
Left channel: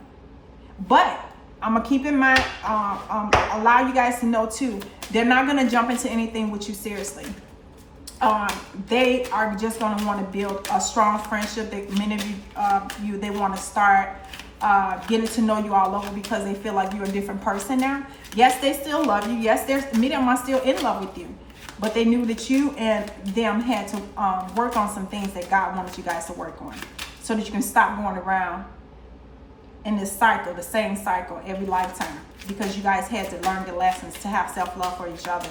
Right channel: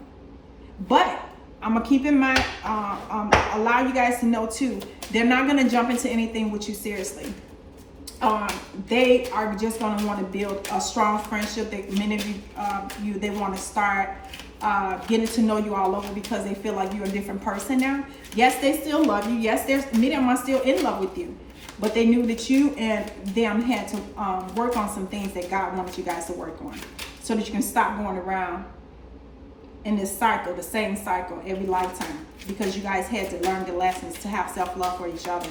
But I'm gonna keep in mind, allow you guys to know too, they're not gonna jump into anything with you seriously. They are just gonna want to build a strong friendship. That many of you, they want to start getting to know you all over because they feel like you're a different person now. Yes, they still love you. Yes, many of them are still in love with you. But they knew that you and them had to work on some things that God wanted you guys to work on, so that you can stop going around in this cycle, the same cycle every lifetime, because you guys had to learn the lessons to have self-love for each other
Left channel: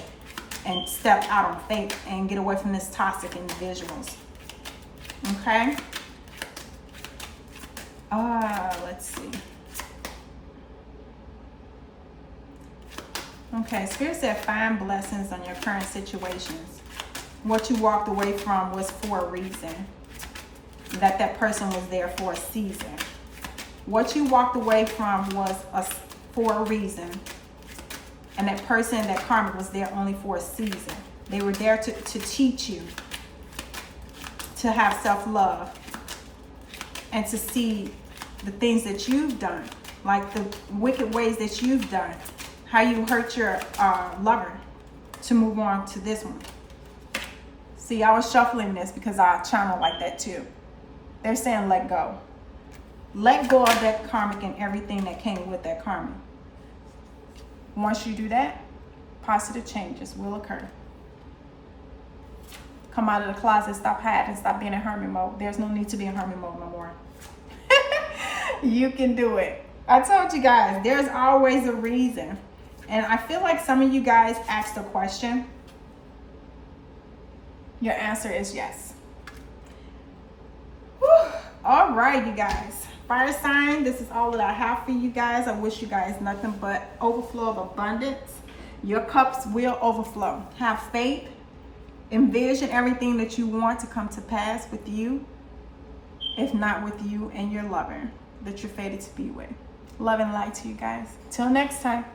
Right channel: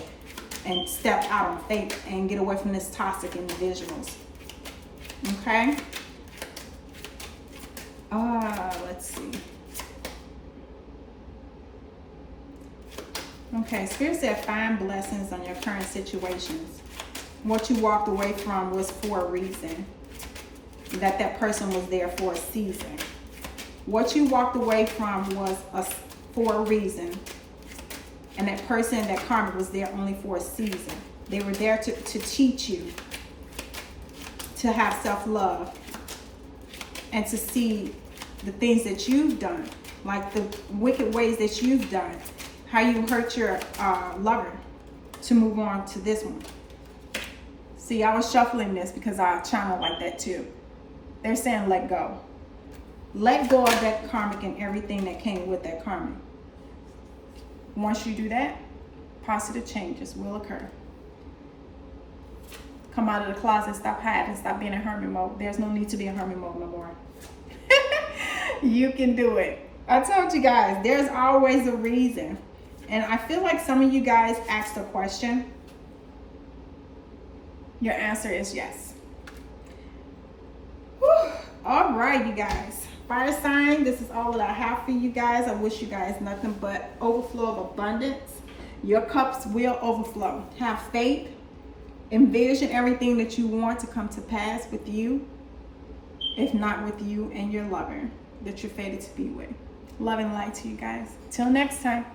and step out on faith and get away from this toxic individuals. Okay? Let's see. Okay, Spirit said find blessings on your current situations. What you walked away from was for a reason. That person was there for a season. What you walked away from was for a reason. And that person, that karmic, was there only for a season. They were there to teach you to have self-love and to see the things that you've done, like the wicked ways that you've done, how you hurt your lover, to move on to this one. See, I was shuffling this because I channel like that too. They're saying let go. Let go of that karmic and everything that came with that karmic. Once you do that, positive changes will occur. Come out of the closet, stop hiding, stop being in hermit mode. There's no need to be in hermit mode no more. You can do it. I told you guys, there's always a reason. And I feel like some of you guys asked a question. Your answer is yes. Whew. All right, you guys. Fire sign, this is all that I have for you guys. I wish you guys nothing but overflow of abundance. Your cups will overflow. Have faith. Envision everything that you want to come to pass with you, if not with you and your lover that you're fated to be with. Love and light to you guys. Till next time.